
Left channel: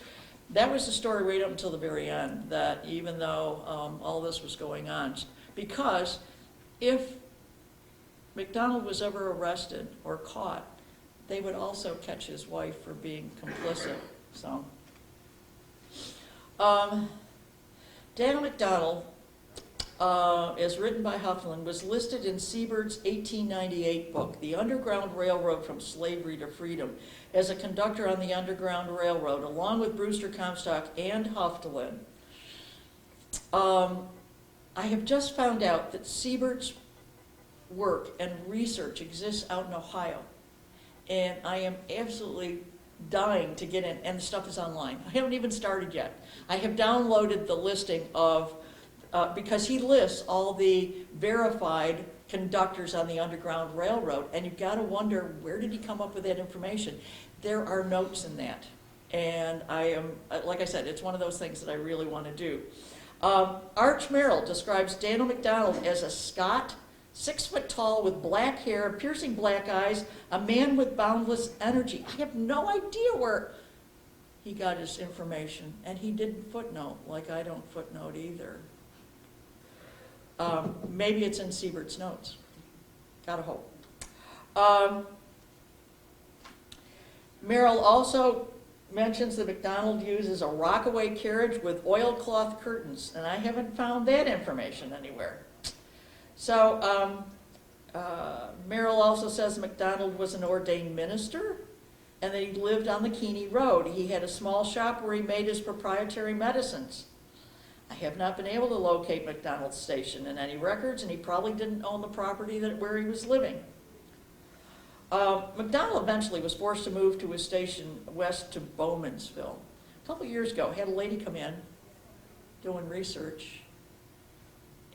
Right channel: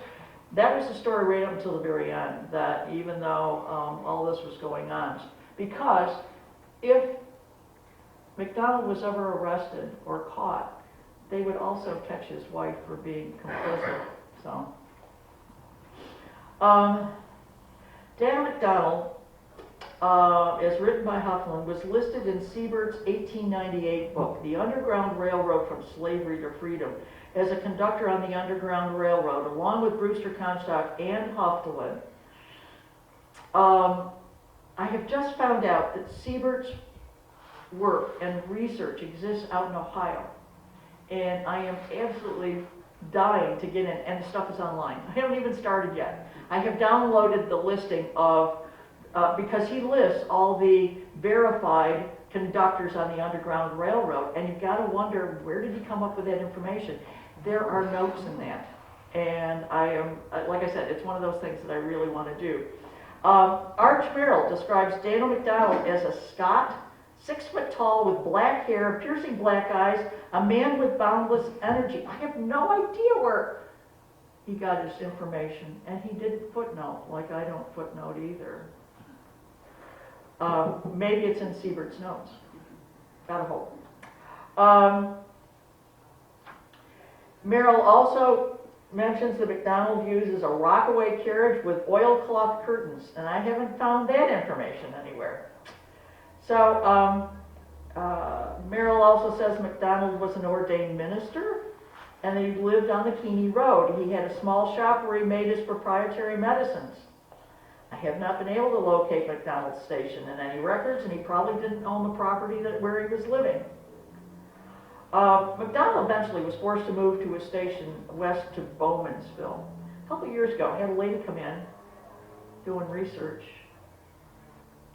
the story right up until the very end, that even though all this was going on, because if McDonald was ever arrested or caught, they would also catch his wife for being complicit. So, Dan McDonald, as written by Hufflin, was listed in Siebert's 1898 book, The Underground Railroad from Slavery to Freedom, as a conductor on the Underground Railroad, along with Brewster Comstock and Hufflin. I have just found out that Siebert's work and research exists out in Ohio, and I am absolutely dying to get in, and the stuff is online. I haven't even started yet. I have downloaded the listing of, because he lists all the verified conductors on the Underground Railroad, and you've got to wonder, where did he come up with that information? There are notes in that, and I am, like I said, it's one of those things that I really want to do. Arch Merrill describes Daniel McDonald as a Scot, 6 foot tall with black hair, piercing black eyes, a man with boundless energy. I have no idea where he got his information, and he didn't footnote, like I don't footnote either. Maybe it's in Siebert's notes. Gotta hope. Merrill also mentions that McDonald uses a rockaway carriage with oilcloth curtains, and I haven't found that information anywhere. So Merrill also says McDonald was an ordained minister, and that he lived on the Keeney Road. He had a small shop where he made his proprietary medicines. I have not been able to locate McDonald's station in any records, and he probably didn't own the property where he was living. McDonald eventually was forced to move to his station west to Bowmansville. A couple years ago, I had a lady come in doing research,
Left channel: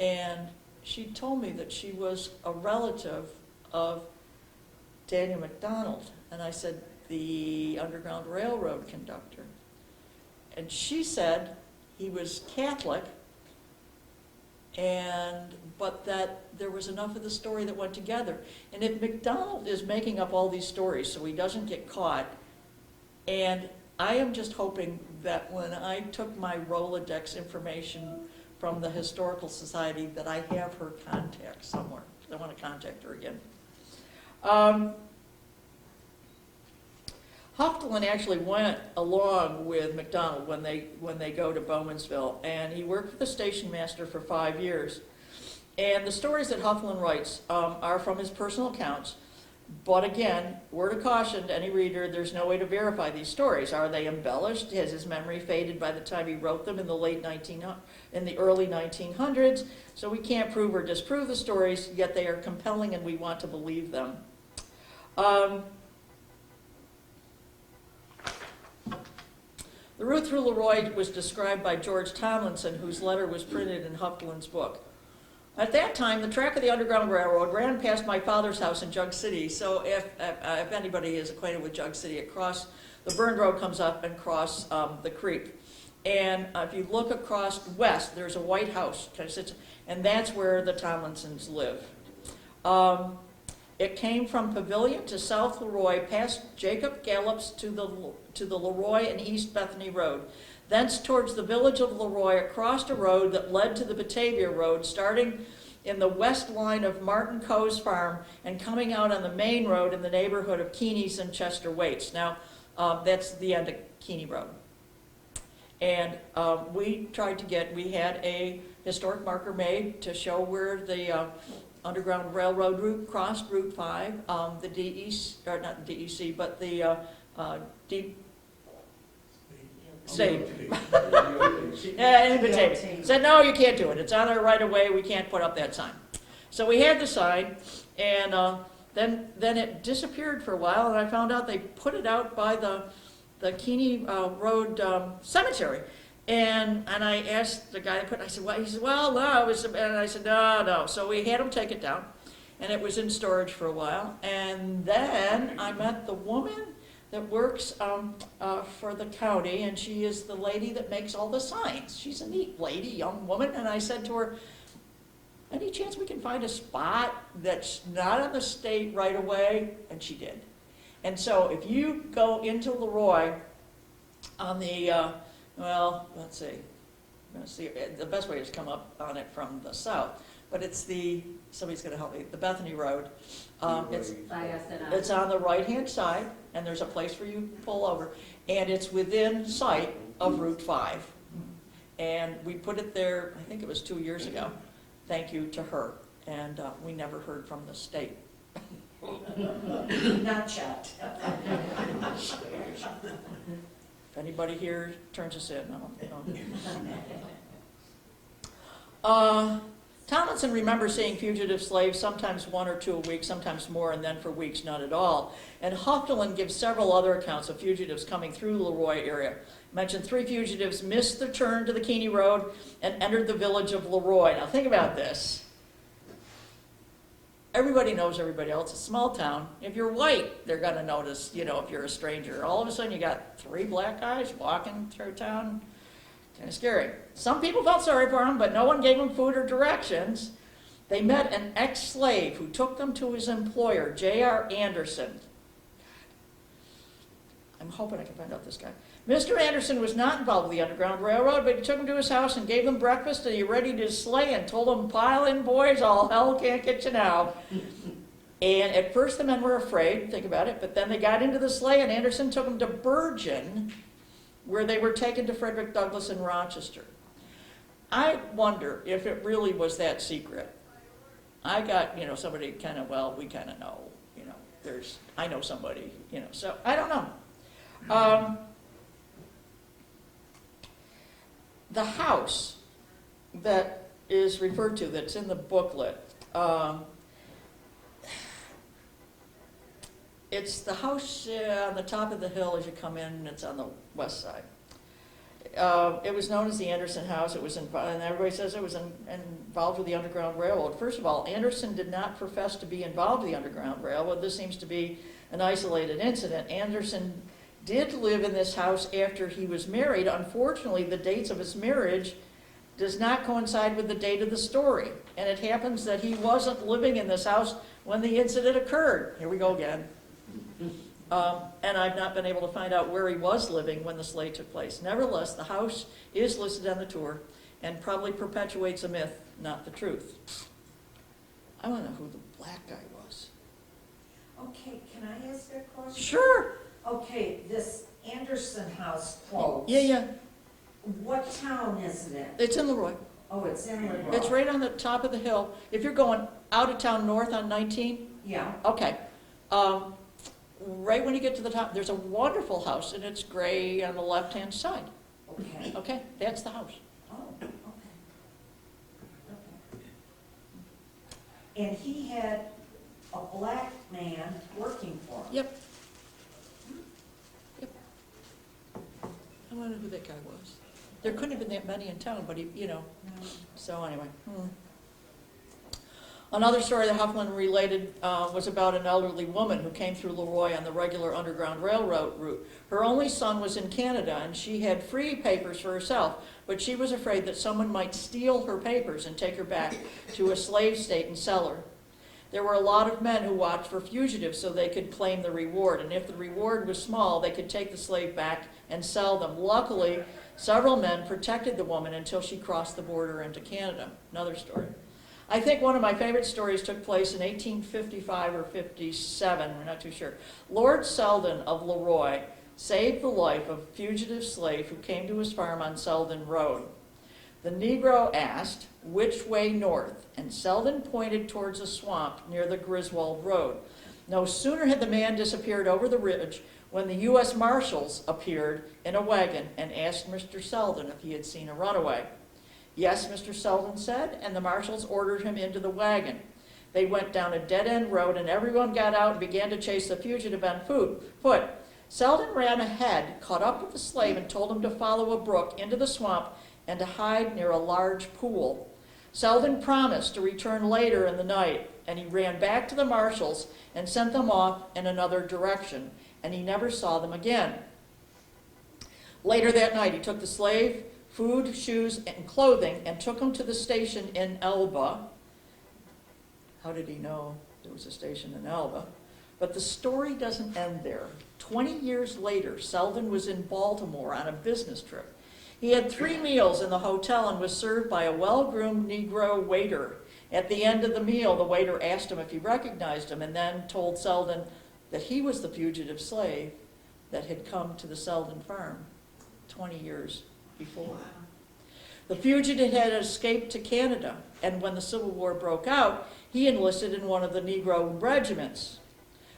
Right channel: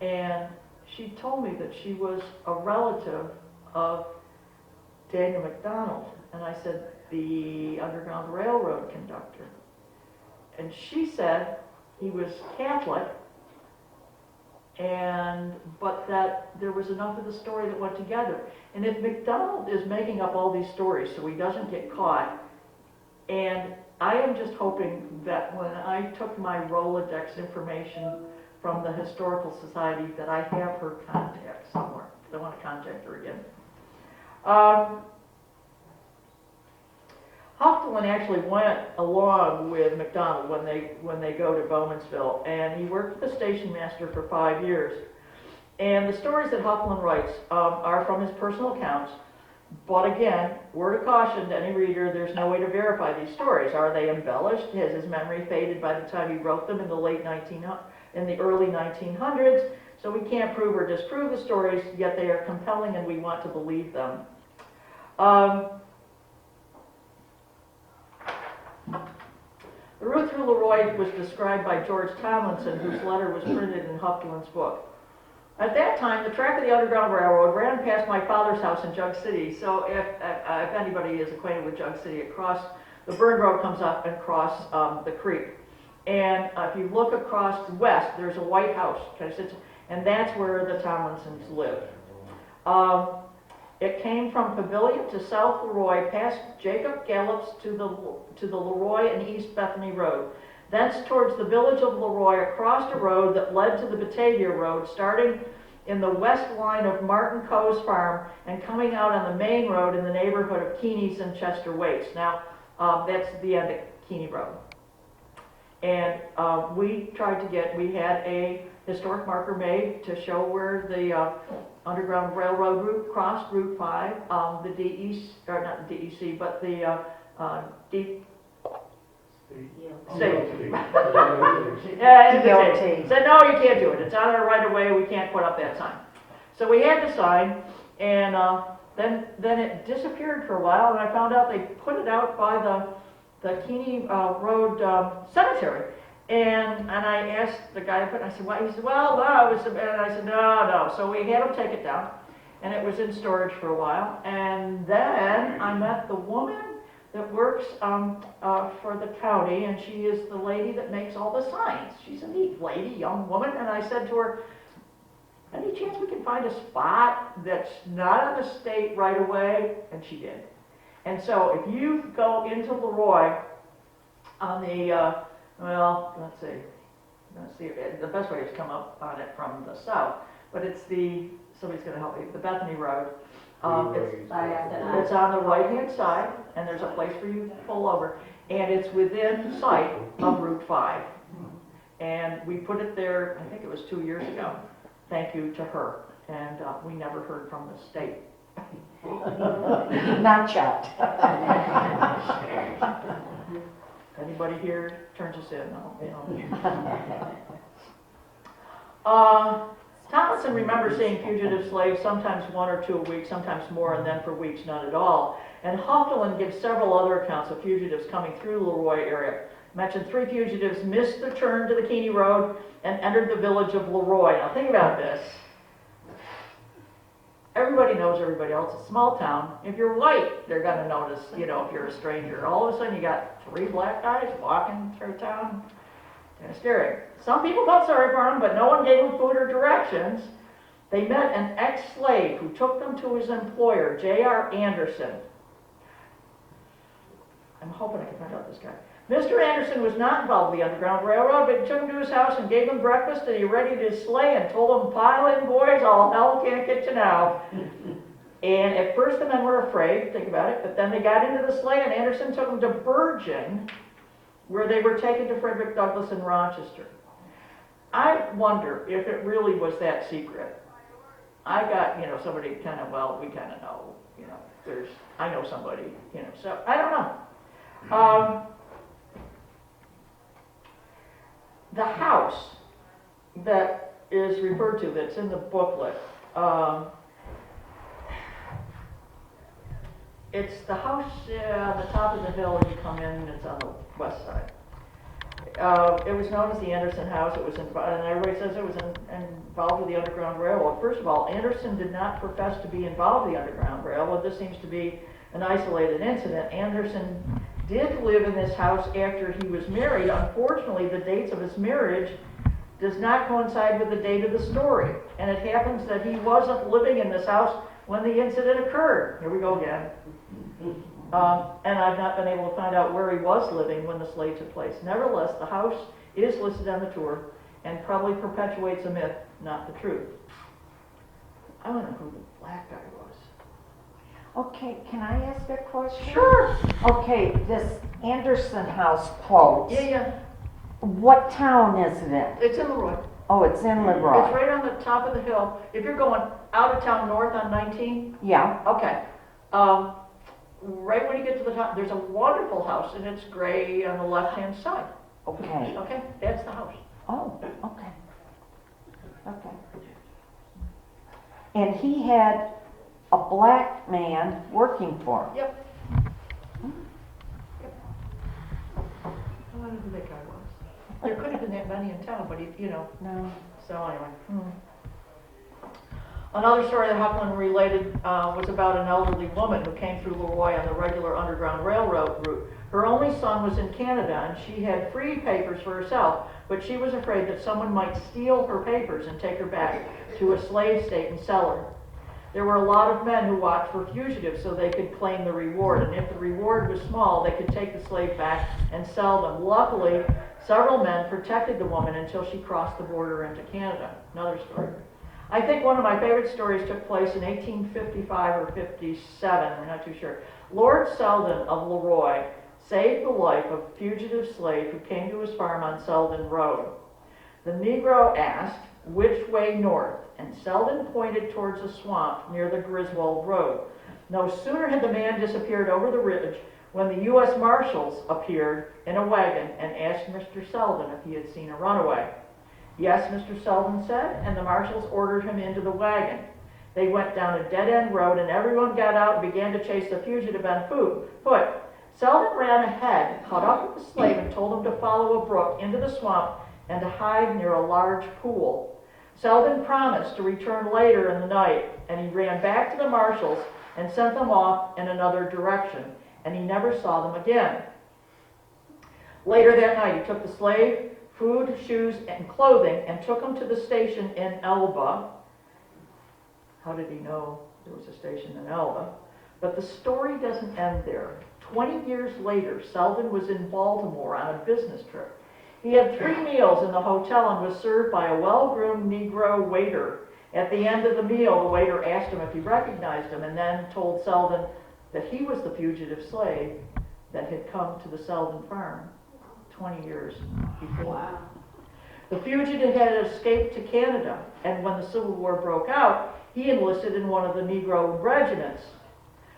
and she told me that she was a relative of Daniel McDonald. And I said, the Underground Railroad conductor. And she said he was Catholic, but that there was enough of the story that went together. And if McDonald is making up all these stories so he doesn't get caught, and I am just hoping that when I took my Rolodex information from the Historical Society, that I have her contact somewhere. I want to contact her again. Hoftelin actually went along with McDonald when they go to Bowmansville, and he worked for the station master for 5 years. And the stories that Hoftelin writes are from his personal accounts, but again, word of caution to any reader, there's no way to verify these stories. Are they embellished? Has his memory faded by the time he wrote them in the early 1900s? So we can't prove or disprove the stories, yet they are compelling and we want to believe them. The route through Leroy was described by George Tomlinson, whose letter was printed in Hoftelin's book. At that time, the track of the Underground Railroad ran past my father's house in Jug City. So if anybody is acquainted with Jug City, the Burned Road comes up and across the creek. And if you look across west, there's a white house, and that's where the Tomlinsons lived. It came from Pavilion to South Leroy, past Jacob Gallup's to the Leroy and East Bethany Road. Thence towards the village of Leroy, across a road that led to the Batavia Road, starting in the west line of Martin Coe's farm and coming out on the main road in the neighborhood of Keeney's and Chester Waits. Now, that's the end of Keeney Road. And we had a historic marker made to show where the Underground Railroad route crossed Route 5, the DEC, or not the DEC, but the Deep State. Yeah, said, no, you can't do it. It's on our right of way. We can't put up that sign. So we had the sign, and then it disappeared for a while, and I found out they put it out by the Keeney Road Cemetery. And I asked the guy, I said, well, he said, well, no, and I said, no. So we had him take it down, and it was in storage for a while. And then I met the woman that works for the county, and she is the lady that makes all the signs. She's a neat lady, young woman, and I said to her, any chance we can find a spot that's not on the state right away? And she did. And so if you go into Leroy on the, let's see, the best way is to come up on it from the south, but it's somebody's going to help me, the Bethany Road. It's on the right-hand side, and there's a place where you pull over, and it's within sight of Route 5. And we put it there, I think it was 2 years ago, thank you to her, and we never heard from the state. Not yet. If anybody here turns us in, no. Tomlinson remembers seeing fugitive slaves, sometimes 1 or 2 a week, sometimes more, and then for weeks none at all. And Hoffelin gives several other accounts of fugitives coming through the Leroy area. Mentioned 3 fugitives missed the turn to the Keeney Road and entered the village of Leroy. Now think about this. Everybody knows everybody else. It's a small town. If you're white, they're going to notice, if you're a stranger. All of a sudden you got 3 black guys walking through town. Kind of scary. Some people felt sorry for him, but no one gave him food or directions. They met an ex-slave who took them to his employer, J.R. Anderson. I'm hoping I can find out this guy. Mr. Anderson was not involved with the Underground Railroad, but he took him to his house and gave him breakfast, and he readied his sleigh and told him, "Pile in, boys, all hell can't get you now." And at first the men were afraid, think about it, but then they got into the sleigh, and Anderson took them to Bergen, where they were taken to Frederick Douglass in Rochester. I wonder if it really was that secret. I got, somebody kind of, we kind of know, I know somebody, so I don't know. The house that is referred to, that's in the booklet, it's the house on the top of the hill as you come in, and it's on the west side. It was known as the Anderson House. It was, and everybody says it was involved with the Underground Railroad. First of all, Anderson did not profess to be involved with the Underground Railroad. This seems to be an isolated incident. Anderson did live in this house after he was married. Unfortunately, the dates of his marriage does not coincide with the date of the story. And it happens that he wasn't living in this house when the incident occurred. Here we go again. And I've not been able to find out where he was living when the sleigh took place. Nevertheless, the house is listed on the tour and probably perpetuates a myth, not the truth. I want to know who the black guy was. Okay, can I ask a question? Sure. Okay, this Anderson house quote. Yeah. What town is it in? It's in Leroy. Oh, it's in Leroy. It's right on the top of the hill. If you're going out of town north on 19, Yeah. okay. Right when you get to the top, there's a wonderful house, and it's gray on the left-hand side. Okay. Okay, that's the house. Oh, okay. Okay. And he had a black man working for him. Yep. I don't know who that guy was. There couldn't have been that many in town, but No. So anyway. Another story that Hoffman related was about an elderly woman who came through Leroy on the regular Underground Railroad route. Her only son was in Canada, and she had free papers for herself, but she was afraid that someone might steal her papers and take her back to a slave state and sell her. There were a lot of men who watched for fugitives so they could claim the reward, and if the reward was small, they could take the slave back and sell them. Luckily, several men protected the woman until she crossed the border into Canada. Another story. I think one of my favorite stories took place in 1855 or 57, I'm not too sure. Lord Selden of Leroy saved the life of a fugitive slave who came to his farm on Selden Road. The Negro asked, "Which way north?" and Selden pointed towards a swamp near the Griswold Road. No sooner had the man disappeared over the ridge when the U.S. Marshals appeared in a wagon and asked Mr. Selden if he had seen a runaway. "Yes," Mr. Selden said, and the marshals ordered him into the wagon. They went down a dead-end road, and everyone got out and began to chase the fugitive on foot. Selden ran ahead, caught up with the slave, and told him to follow a brook into the swamp and to hide near a large pool. Selden promised to return later in the night, and he ran back to the marshals and sent them off in another direction, and he never saw them again. Later that night, he took the slave, food, shoes, and clothing, and took him to the station in Elba. How did he know there was a station in Elba? But the story doesn't end there. 20 years later, Selden was in Baltimore on a business trip. He had 3 meals in the hotel and was served by a well-groomed Negro waiter. At the end of the meal, the waiter asked him if he recognized him and then told Selden that he was the fugitive slave that had come to the Selden farm 20 years before. Wow. The fugitive had escaped to Canada, and when the Civil War broke out, he enlisted in one of the Negro regiments.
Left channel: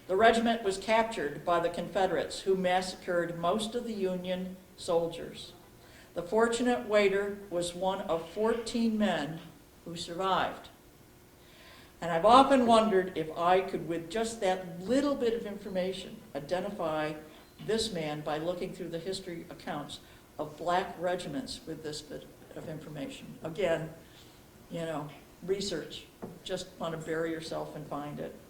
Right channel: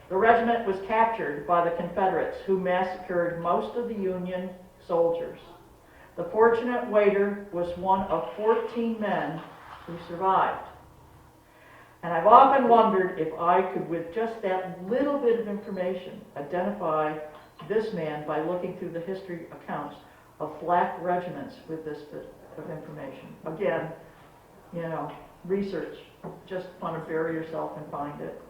The regiment was captured by the Confederates, who massacred most of the Union soldiers. The fortunate waiter was one of 14 men who survived. And I've often wondered if I could, with just that little bit of information, identify this man by looking through the history accounts of black regiments with this bit of information. Again, you know, research. Just want to bury yourself and find it.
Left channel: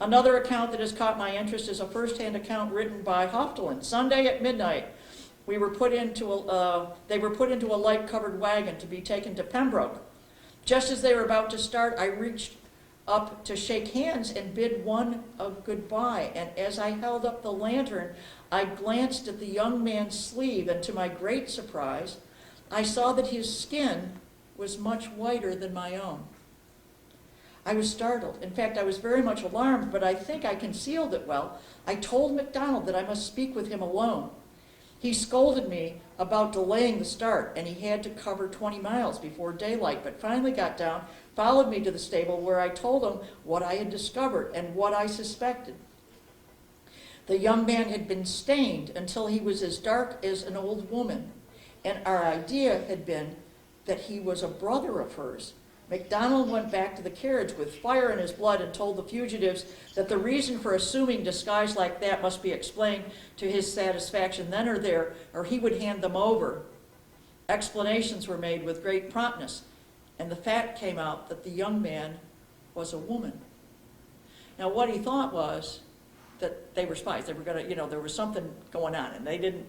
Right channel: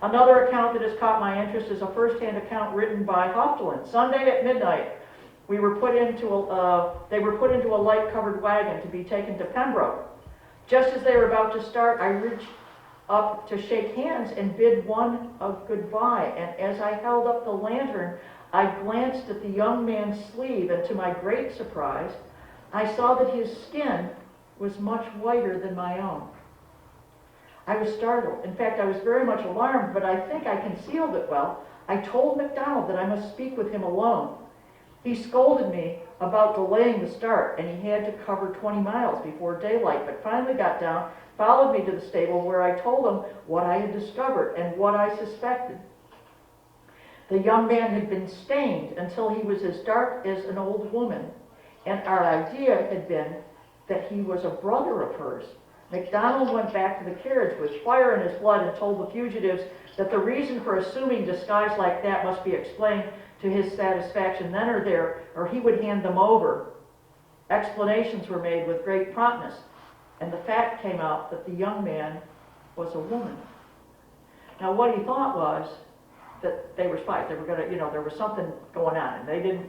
Another account that has caught my interest is a first-hand account written by Hoftelin. Sunday at midnight, they were put into a light-covered wagon to be taken to Pembroke. Just as they were about to start, I reached up to shake hands and bid one a goodbye. And as I held up the lantern, I glanced at the young man's sleeve, and to my great surprise, I saw that his skin was much whiter than my own. I was startled. In fact, I was very much alarmed, but I think I concealed it well. I told MacDonald that I must speak with him alone. He scolded me about delaying the start, and he had to cover 20 miles before daylight, but finally got down, followed me to the stable, where I told him what I had discovered and what I suspected. The young man had been stained until he was as dark as an old woman, and our idea had been that he was a brother of hers. MacDonald went back to the carriage with fire in his blood and told the fugitives that the reason for assuming disguise like that must be explained to his satisfaction then or there, or he would hand them over. Explanations were made with great promptness, and the fact came out that the young man was a woman. Now, what he thought was that they were spies. They were going to, there was something going on, and they didn't,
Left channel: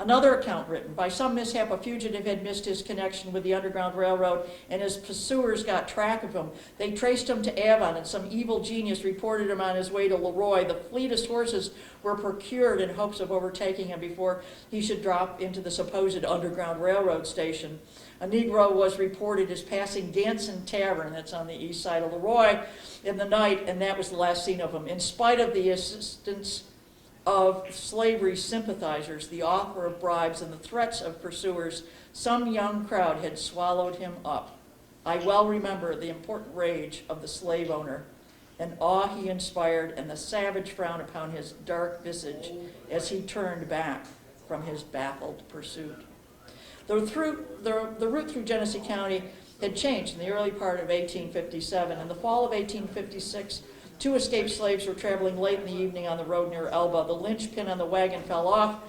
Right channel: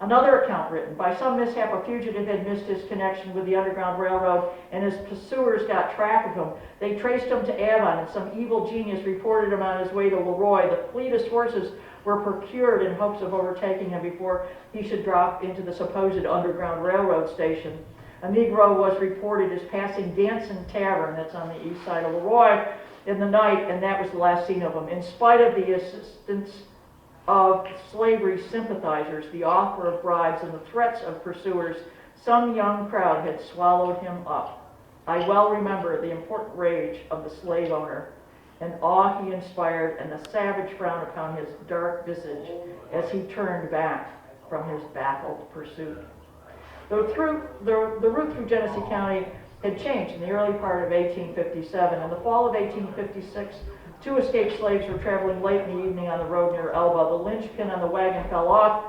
Another account written, by some mishap, a fugitive had missed his connection with the Underground Railroad, and his pursuers got track of him. They traced him to Avon, and some evil genius reported him on his way to Leroy. The fleetest horses were procured in hopes of overtaking him before he should drop into the supposed Underground Railroad station. A Negro was reported as passing Danson Tavern, that's on the east side of Leroy, in the night, and that was the last seen of him. In spite of the assistance of slavery sympathizers, the offer of bribes, and the threats of pursuers, some young crowd had swallowed him up. I well remember the important rage of the slave owner, and awe he inspired, and the savage frown upon his dark visage as he turned back from his baffled pursuit. The route through Genesee County had changed in the early part of 1857. In the fall of 1856, 2 escaped slaves were traveling late in the evening on the road near Elba. The linchpin on the wagon fell off,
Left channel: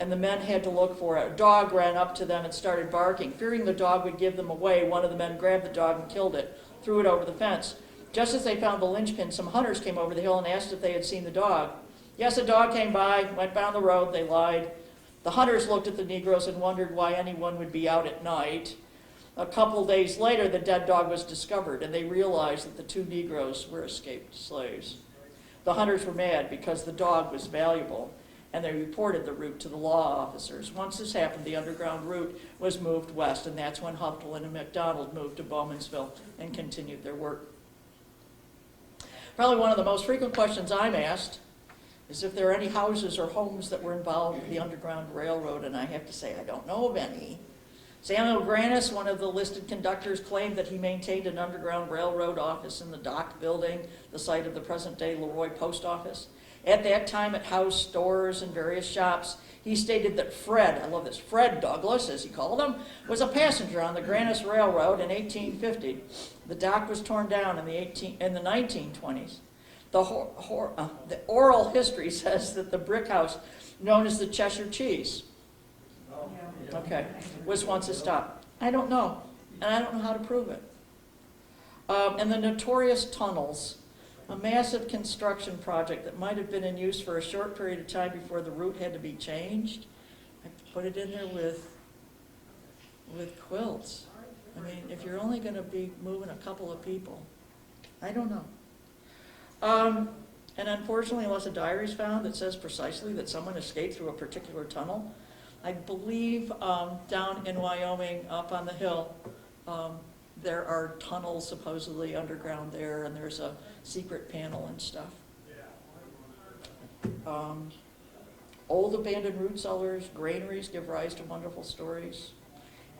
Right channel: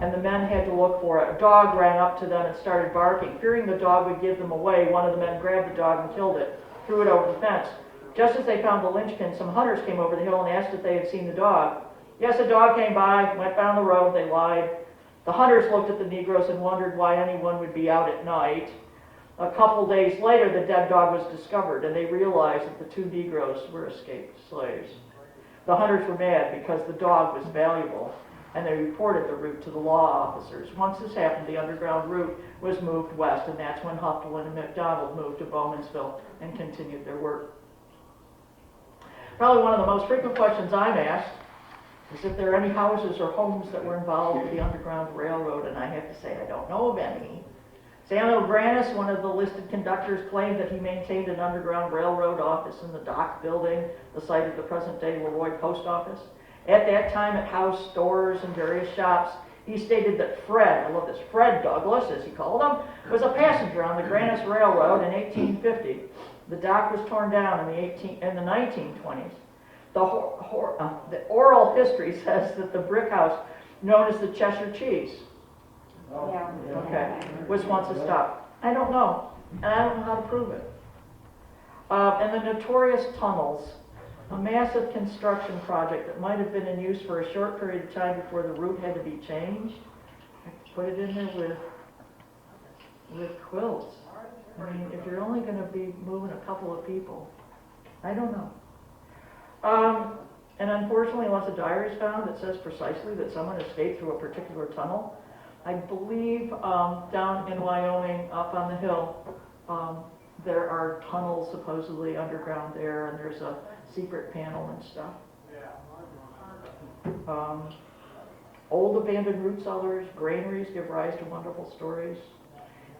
and the men had to look for it. A dog ran up to them and started barking. Fearing the dog would give them away, one of the men grabbed the dog and killed it, threw it over the fence. Just as they found the linchpin, some hunters came over the hill and asked if they had seen the dog. Yes, a dog came by, went down the road, they lied. The hunters looked at the Negroes and wondered why anyone would be out at night. A couple days later, the dead dog was discovered, and they realized that the 2 Negroes were escaped slaves. The hunters were mad because the dog was valuable, and they reported the route to the law officers. Once this happened, the underground route was moved west, and that's when Hoftelin and MacDonald moved to Bowmansville and continued their work. Probably one of the most frequent questions I'm asked is if there are any houses or homes that were involved with the Underground Railroad, and I have to say I don't know of any. Samuel Grannis, one of the listed conductors, claimed that he maintained an Underground Railroad office in the dock building, the site of the present-day Leroy Post Office. At that time, it housed stores and various shops. He stated that Fred, I love this, Fred Douglas, as he called him, was a passenger on the Grannis Railroad in 1850. The dock was torn down in the 1920s. The oral history says that the brick house, known as the Cheshire Cheese, was once a stop. I don't know, and I don't know how to prove it. And the notorious tunnels, a massive construction project that might have been in use for a short period of time before the route had to be changed. I put it in there with quilts. I mean, if you're only going to be moving a couple of people, I don't know. And unfortunately, unless a diary is found that says precisely that someone escaped through a particular tunnel, I believe down in Wyoming, up on the hill, there are tunnels supposedly underground there, and there's a secret panel and stuff. Old abandoned root cellars, granaries give rise to wonderful stories.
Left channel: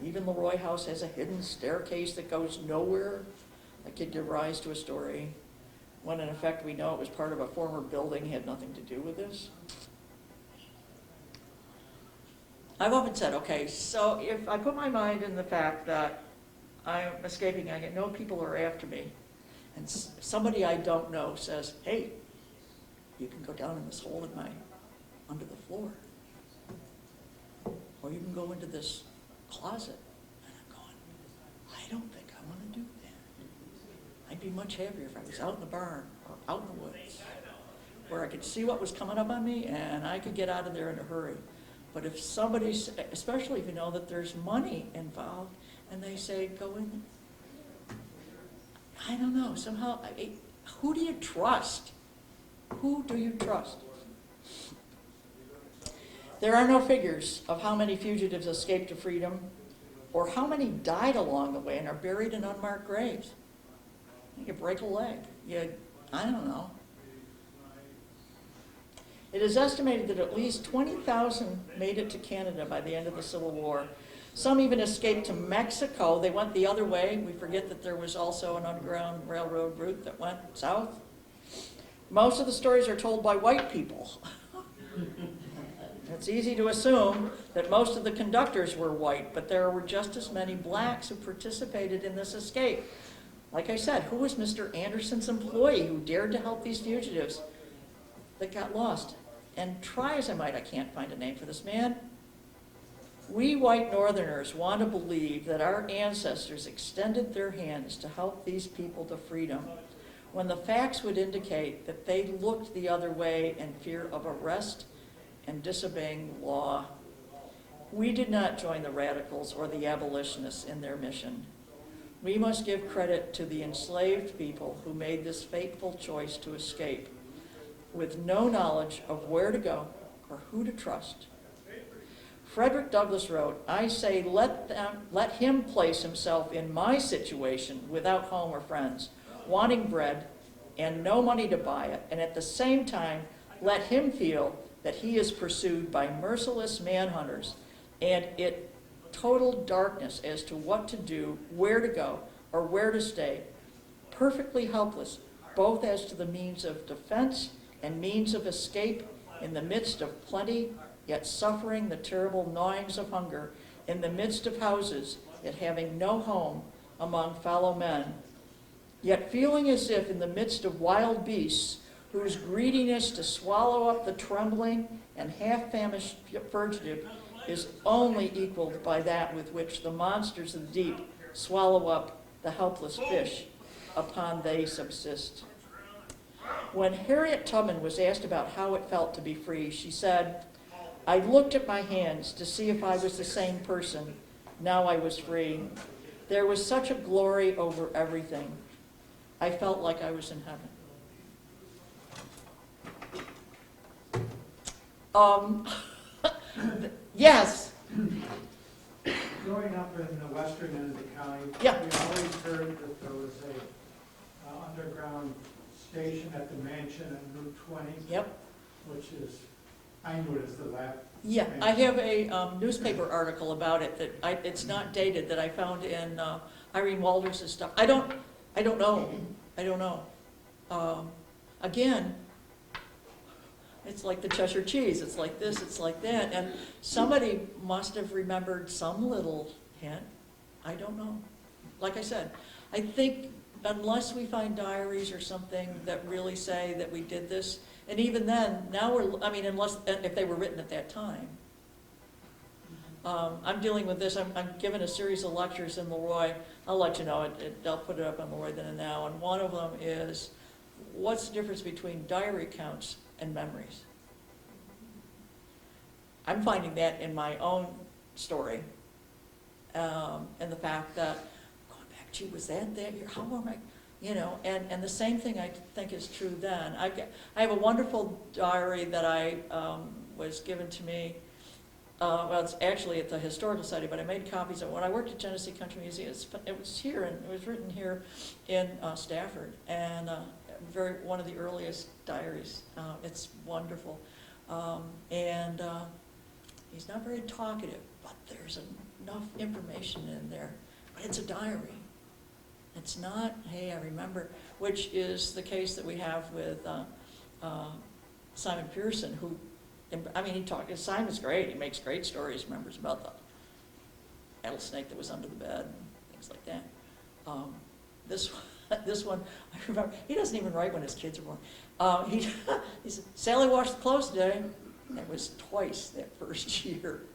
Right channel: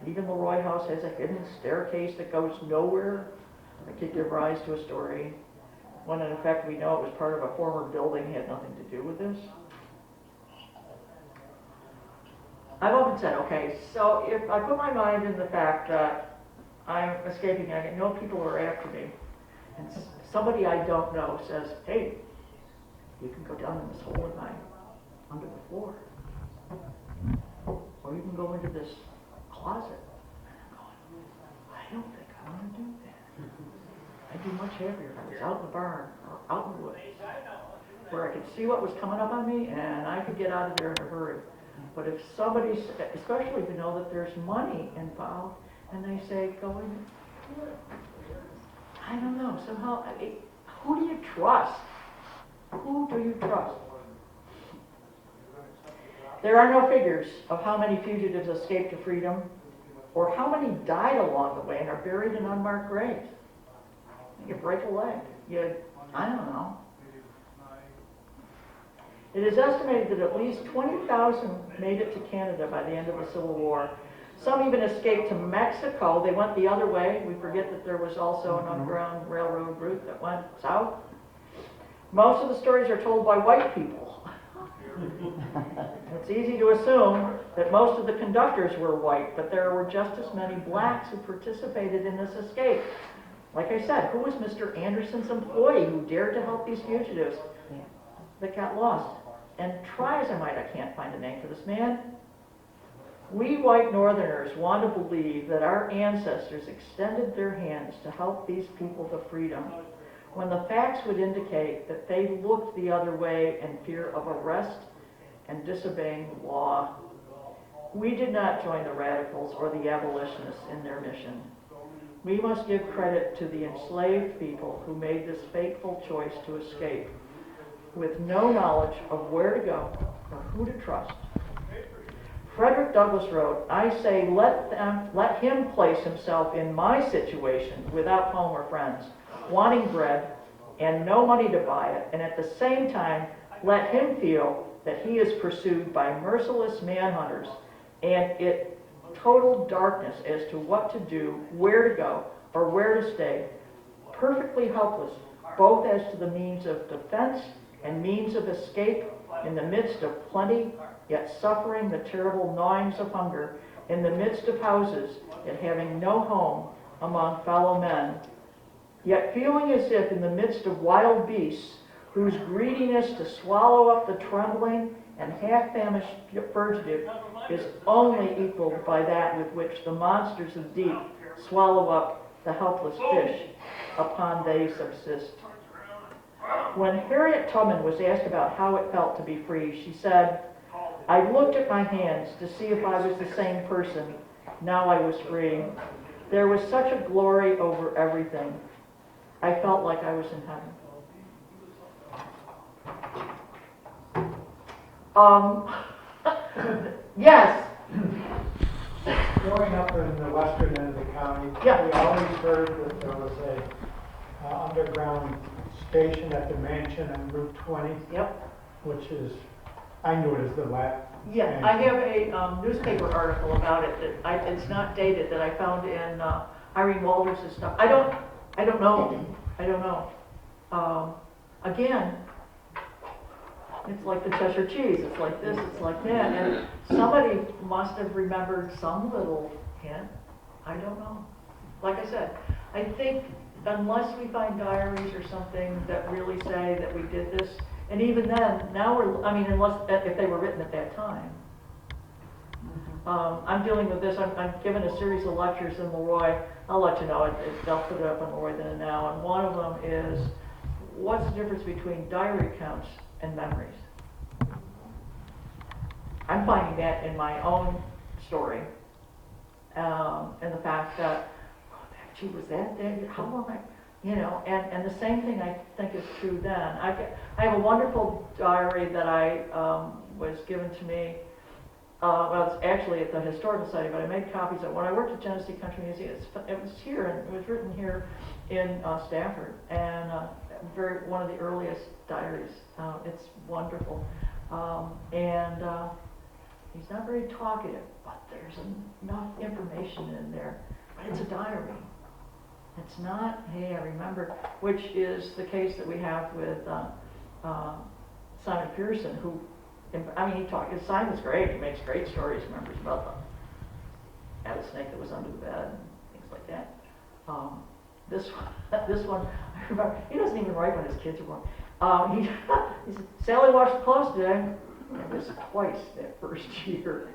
Even Leroy House has a hidden staircase that goes nowhere that could give rise to a story, when in effect we know it was part of a former building, had nothing to do with this. I've often said, okay, so if I put my mind in the fact that I'm escaping, I know people are after me, and somebody I don't know says, hey, you can go down in this hole in my, under the floor, or you can go into this closet. And I'm going, I don't think I want to do that. I'd be much happier if I was out in the barn or out in the woods, where I could see what was coming up on me and I could get out of there in a hurry. But if somebody's, especially if you know that there's money involved, and they say, go in, I don't know, somehow, who do you trust? Who do you trust? There are no figures of how many fugitives escaped to freedom, or how many died along the way and are buried in unmarked graves. You break a leg, I don't know. It is estimated that at least 20,000 made it to Canada by the end of the Civil War. Some even escaped to Mexico. They went the other way. We forget that there was also an underground railroad route that went south. Most of the stories are told by white people. It's easy to assume that most of the conductors were white, but there were just as many blacks who participated in this escape. Like I said, who was Mr. Anderson's employee who dared to help these fugitives that got lost? And try as I might, I can't find a name for this man. We white Northerners want to believe that our ancestors extended their hands to help these people to freedom, when the facts would indicate that they looked the other way in fear of arrest and disobeying the law. We did not join the radicals or the abolitionists in their mission. We must give credit to the enslaved people who made this fateful choice to escape, with no knowledge of where to go or who to trust. Frederick Douglass wrote, I say, let him place himself in my situation without home or friends, wanting bread and no money to buy it, and at the same time, let him feel that he is pursued by merciless manhunters and it total darkness as to what to do, where to go, or where to stay, perfectly helpless, both as to the means of defense and means of escape in the midst of plenty, yet suffering the terrible gnawings of hunger, in the midst of houses, yet having no home among fellow men, yet feeling as if in the midst of wild beasts, whose greediness to swallow up the trembling and half-famished fugitive is only equaled by that with which the monsters of the deep swallow up the helpless fish upon they subsist. When Harriet Tubman was asked about how it felt to be free, she said, I looked at my hands to see if I was the same person. Now I was free. There was such a glory over everything. I felt like I was in heaven. Yes. Growing up in the western end of the county, Yeah. we always heard that there was a underground station at the mansion on Route 20, Yep. which is, I knew it as the lab. Yeah, I have a newspaper article about it that it's not dated, that I found in Irene Walters' stuff. I don't know. Again, it's like the Cheshire cheese. It's like this, it's like that. And somebody must have remembered some little hint. I don't know. Like I said, I think unless we find diaries or something that really say that we did this, and even then, now unless, if they were written at that time. I'm dealing with this, I'm giving a series of lectures in Leroy. I'll let you know, I'll put it up on Leroy Then and Now, and one of them is, what's the difference between diary accounts and memories? I'm finding that in my own story, and the fact that, going back, gee, was that there? How long and the same thing I think is true then. I have a wonderful diary that I was given to me. Well, it's actually at the Historical Society, but I made copies of it. When I worked at Genesee Country Museum, it was here, and it was written here in Stafford, and one of the earliest diaries. It's wonderful. He's not very talkative, but there's enough information in there. But it's a diary. It's not, hey, I remember, which is the case that we have with Simon Pearson, who I mean, his sign was great, he makes great stories, remembers about the snake that was under the bed, things like that. This one, I remember, he doesn't even write when his kids are born. He said, Sally washed the clothes today. It was twice that first year.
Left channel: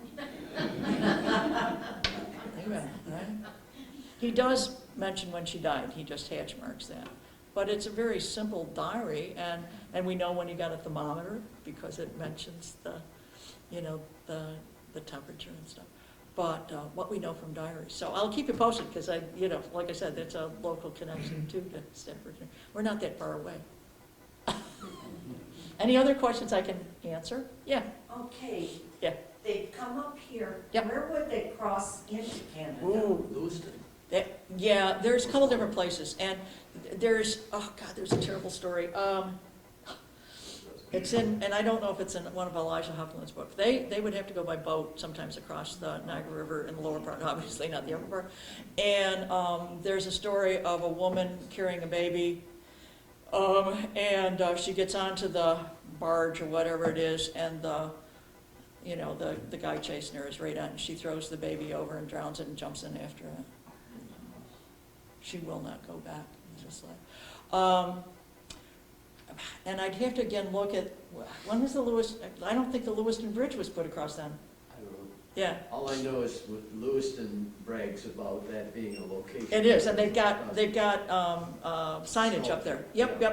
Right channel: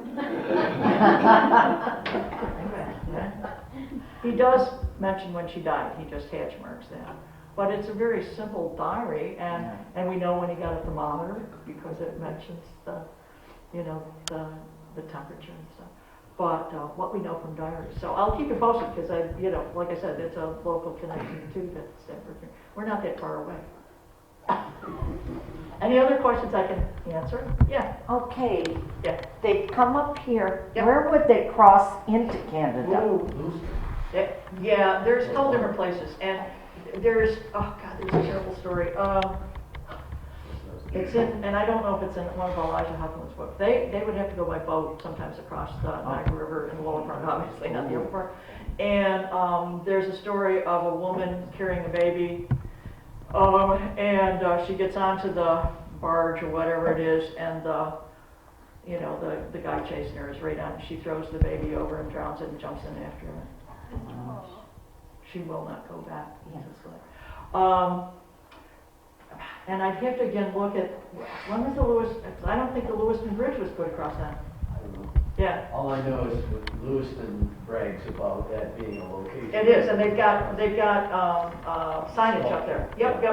He does mention when she died, he just hatch marks that. But it's a very simple diary, and we know when he got a thermometer because it mentions the temperature and stuff. But what we know from diaries. So I'll keep you posted because like I said, it's a local connection too to Stafford. We're not that far away. Any other questions I can answer? Yeah. Okay. Yeah. They come up here. Yep. Where would they cross into Canada? Yeah, there's a couple different places, and there's a terrible story. It's in, and I don't know if it's in one of Elijah Huffman's books. They would have to go by boat sometimes across the Niagara River in the lower part, obviously not the upper part. And there's a story of a woman carrying a baby, and she gets onto the barge or whatever it is, and the guy chasing her is right on. She throws the baby over and drowns it and jumps in after it. She will not go back. And I'd have to again look at, when was the Lewiston, I don't think the Lewiston Bridge was put across then. I don't know. Yeah. All I know is Lewiston brags about that being a location. It is, and they've got signage up there. Yep.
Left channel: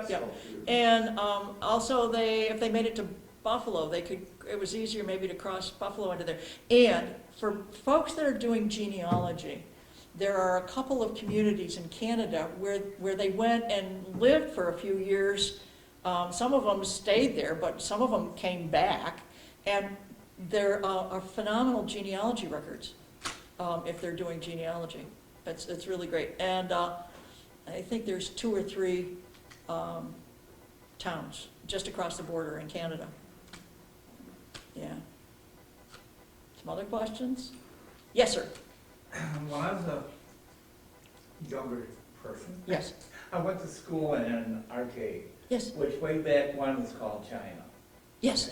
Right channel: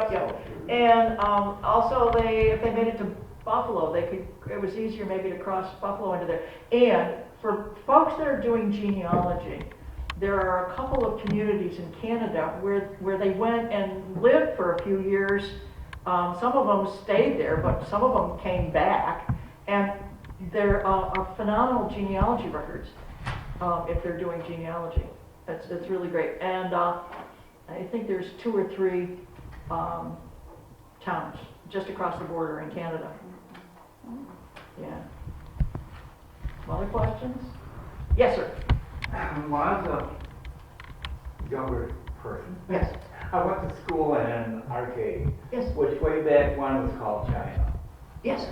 And also if they made it to Buffalo, it was easier maybe to cross Buffalo into there. And for folks that are doing genealogy, there are a couple of communities in Canada where they went and lived for a few years. Some of them stayed there, but some of them came back. And there are phenomenal genealogy records if they're doing genealogy. It's really great. And I think there's 2 or 3 towns just across the border in Canada. Yeah. Some other questions? Yes, sir. When I was a younger person, Yes. I went to school in an arcade, Yes. which way back when was called China. Yes.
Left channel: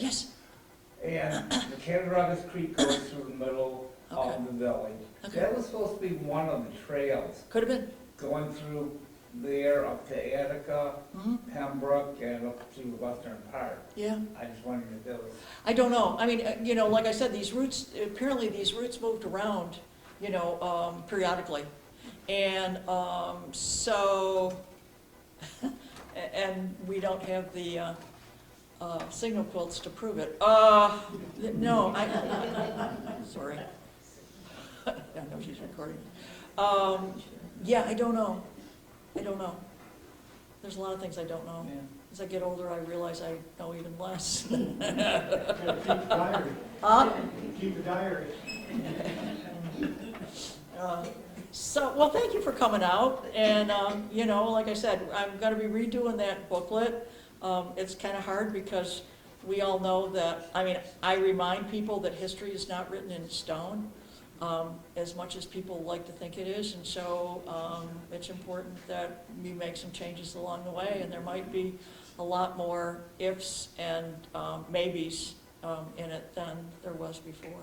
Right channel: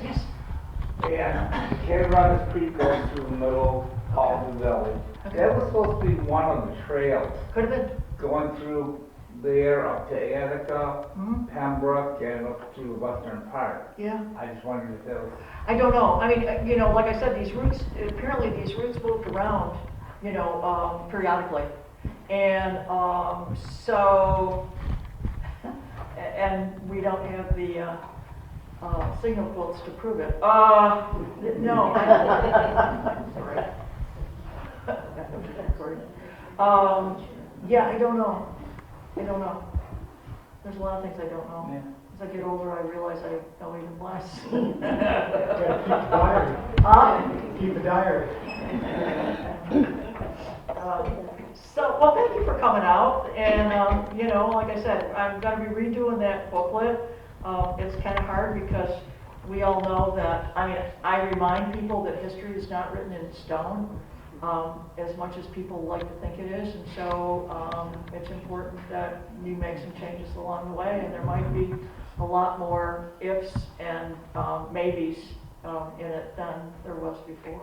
And Cattaraugus Creek goes through the middle of the village. Okay. That was supposed to be one of the trails Could have been. going through there up to Attica, Mhm. Pembroke, and up through Western Park. Yeah. I just wondered if that was. I don't know. I mean, like I said, apparently these routes moved around, periodically. And and we don't have the signal quotes to prove it. No, sorry. Yeah, I don't know. There's a lot of things I don't know. Yeah. As I get older, I realize I know even less. Keep a diary. Well, thank you for coming out, and, like I said, I'm gonna be redoing that booklet. It's kinda hard because we all know that, I remind people that history is not written in stone, as much as people like to think it is, and so, it's important that we make some changes along the way, and there might be a lot more ifs and, maybes, in it than there was before.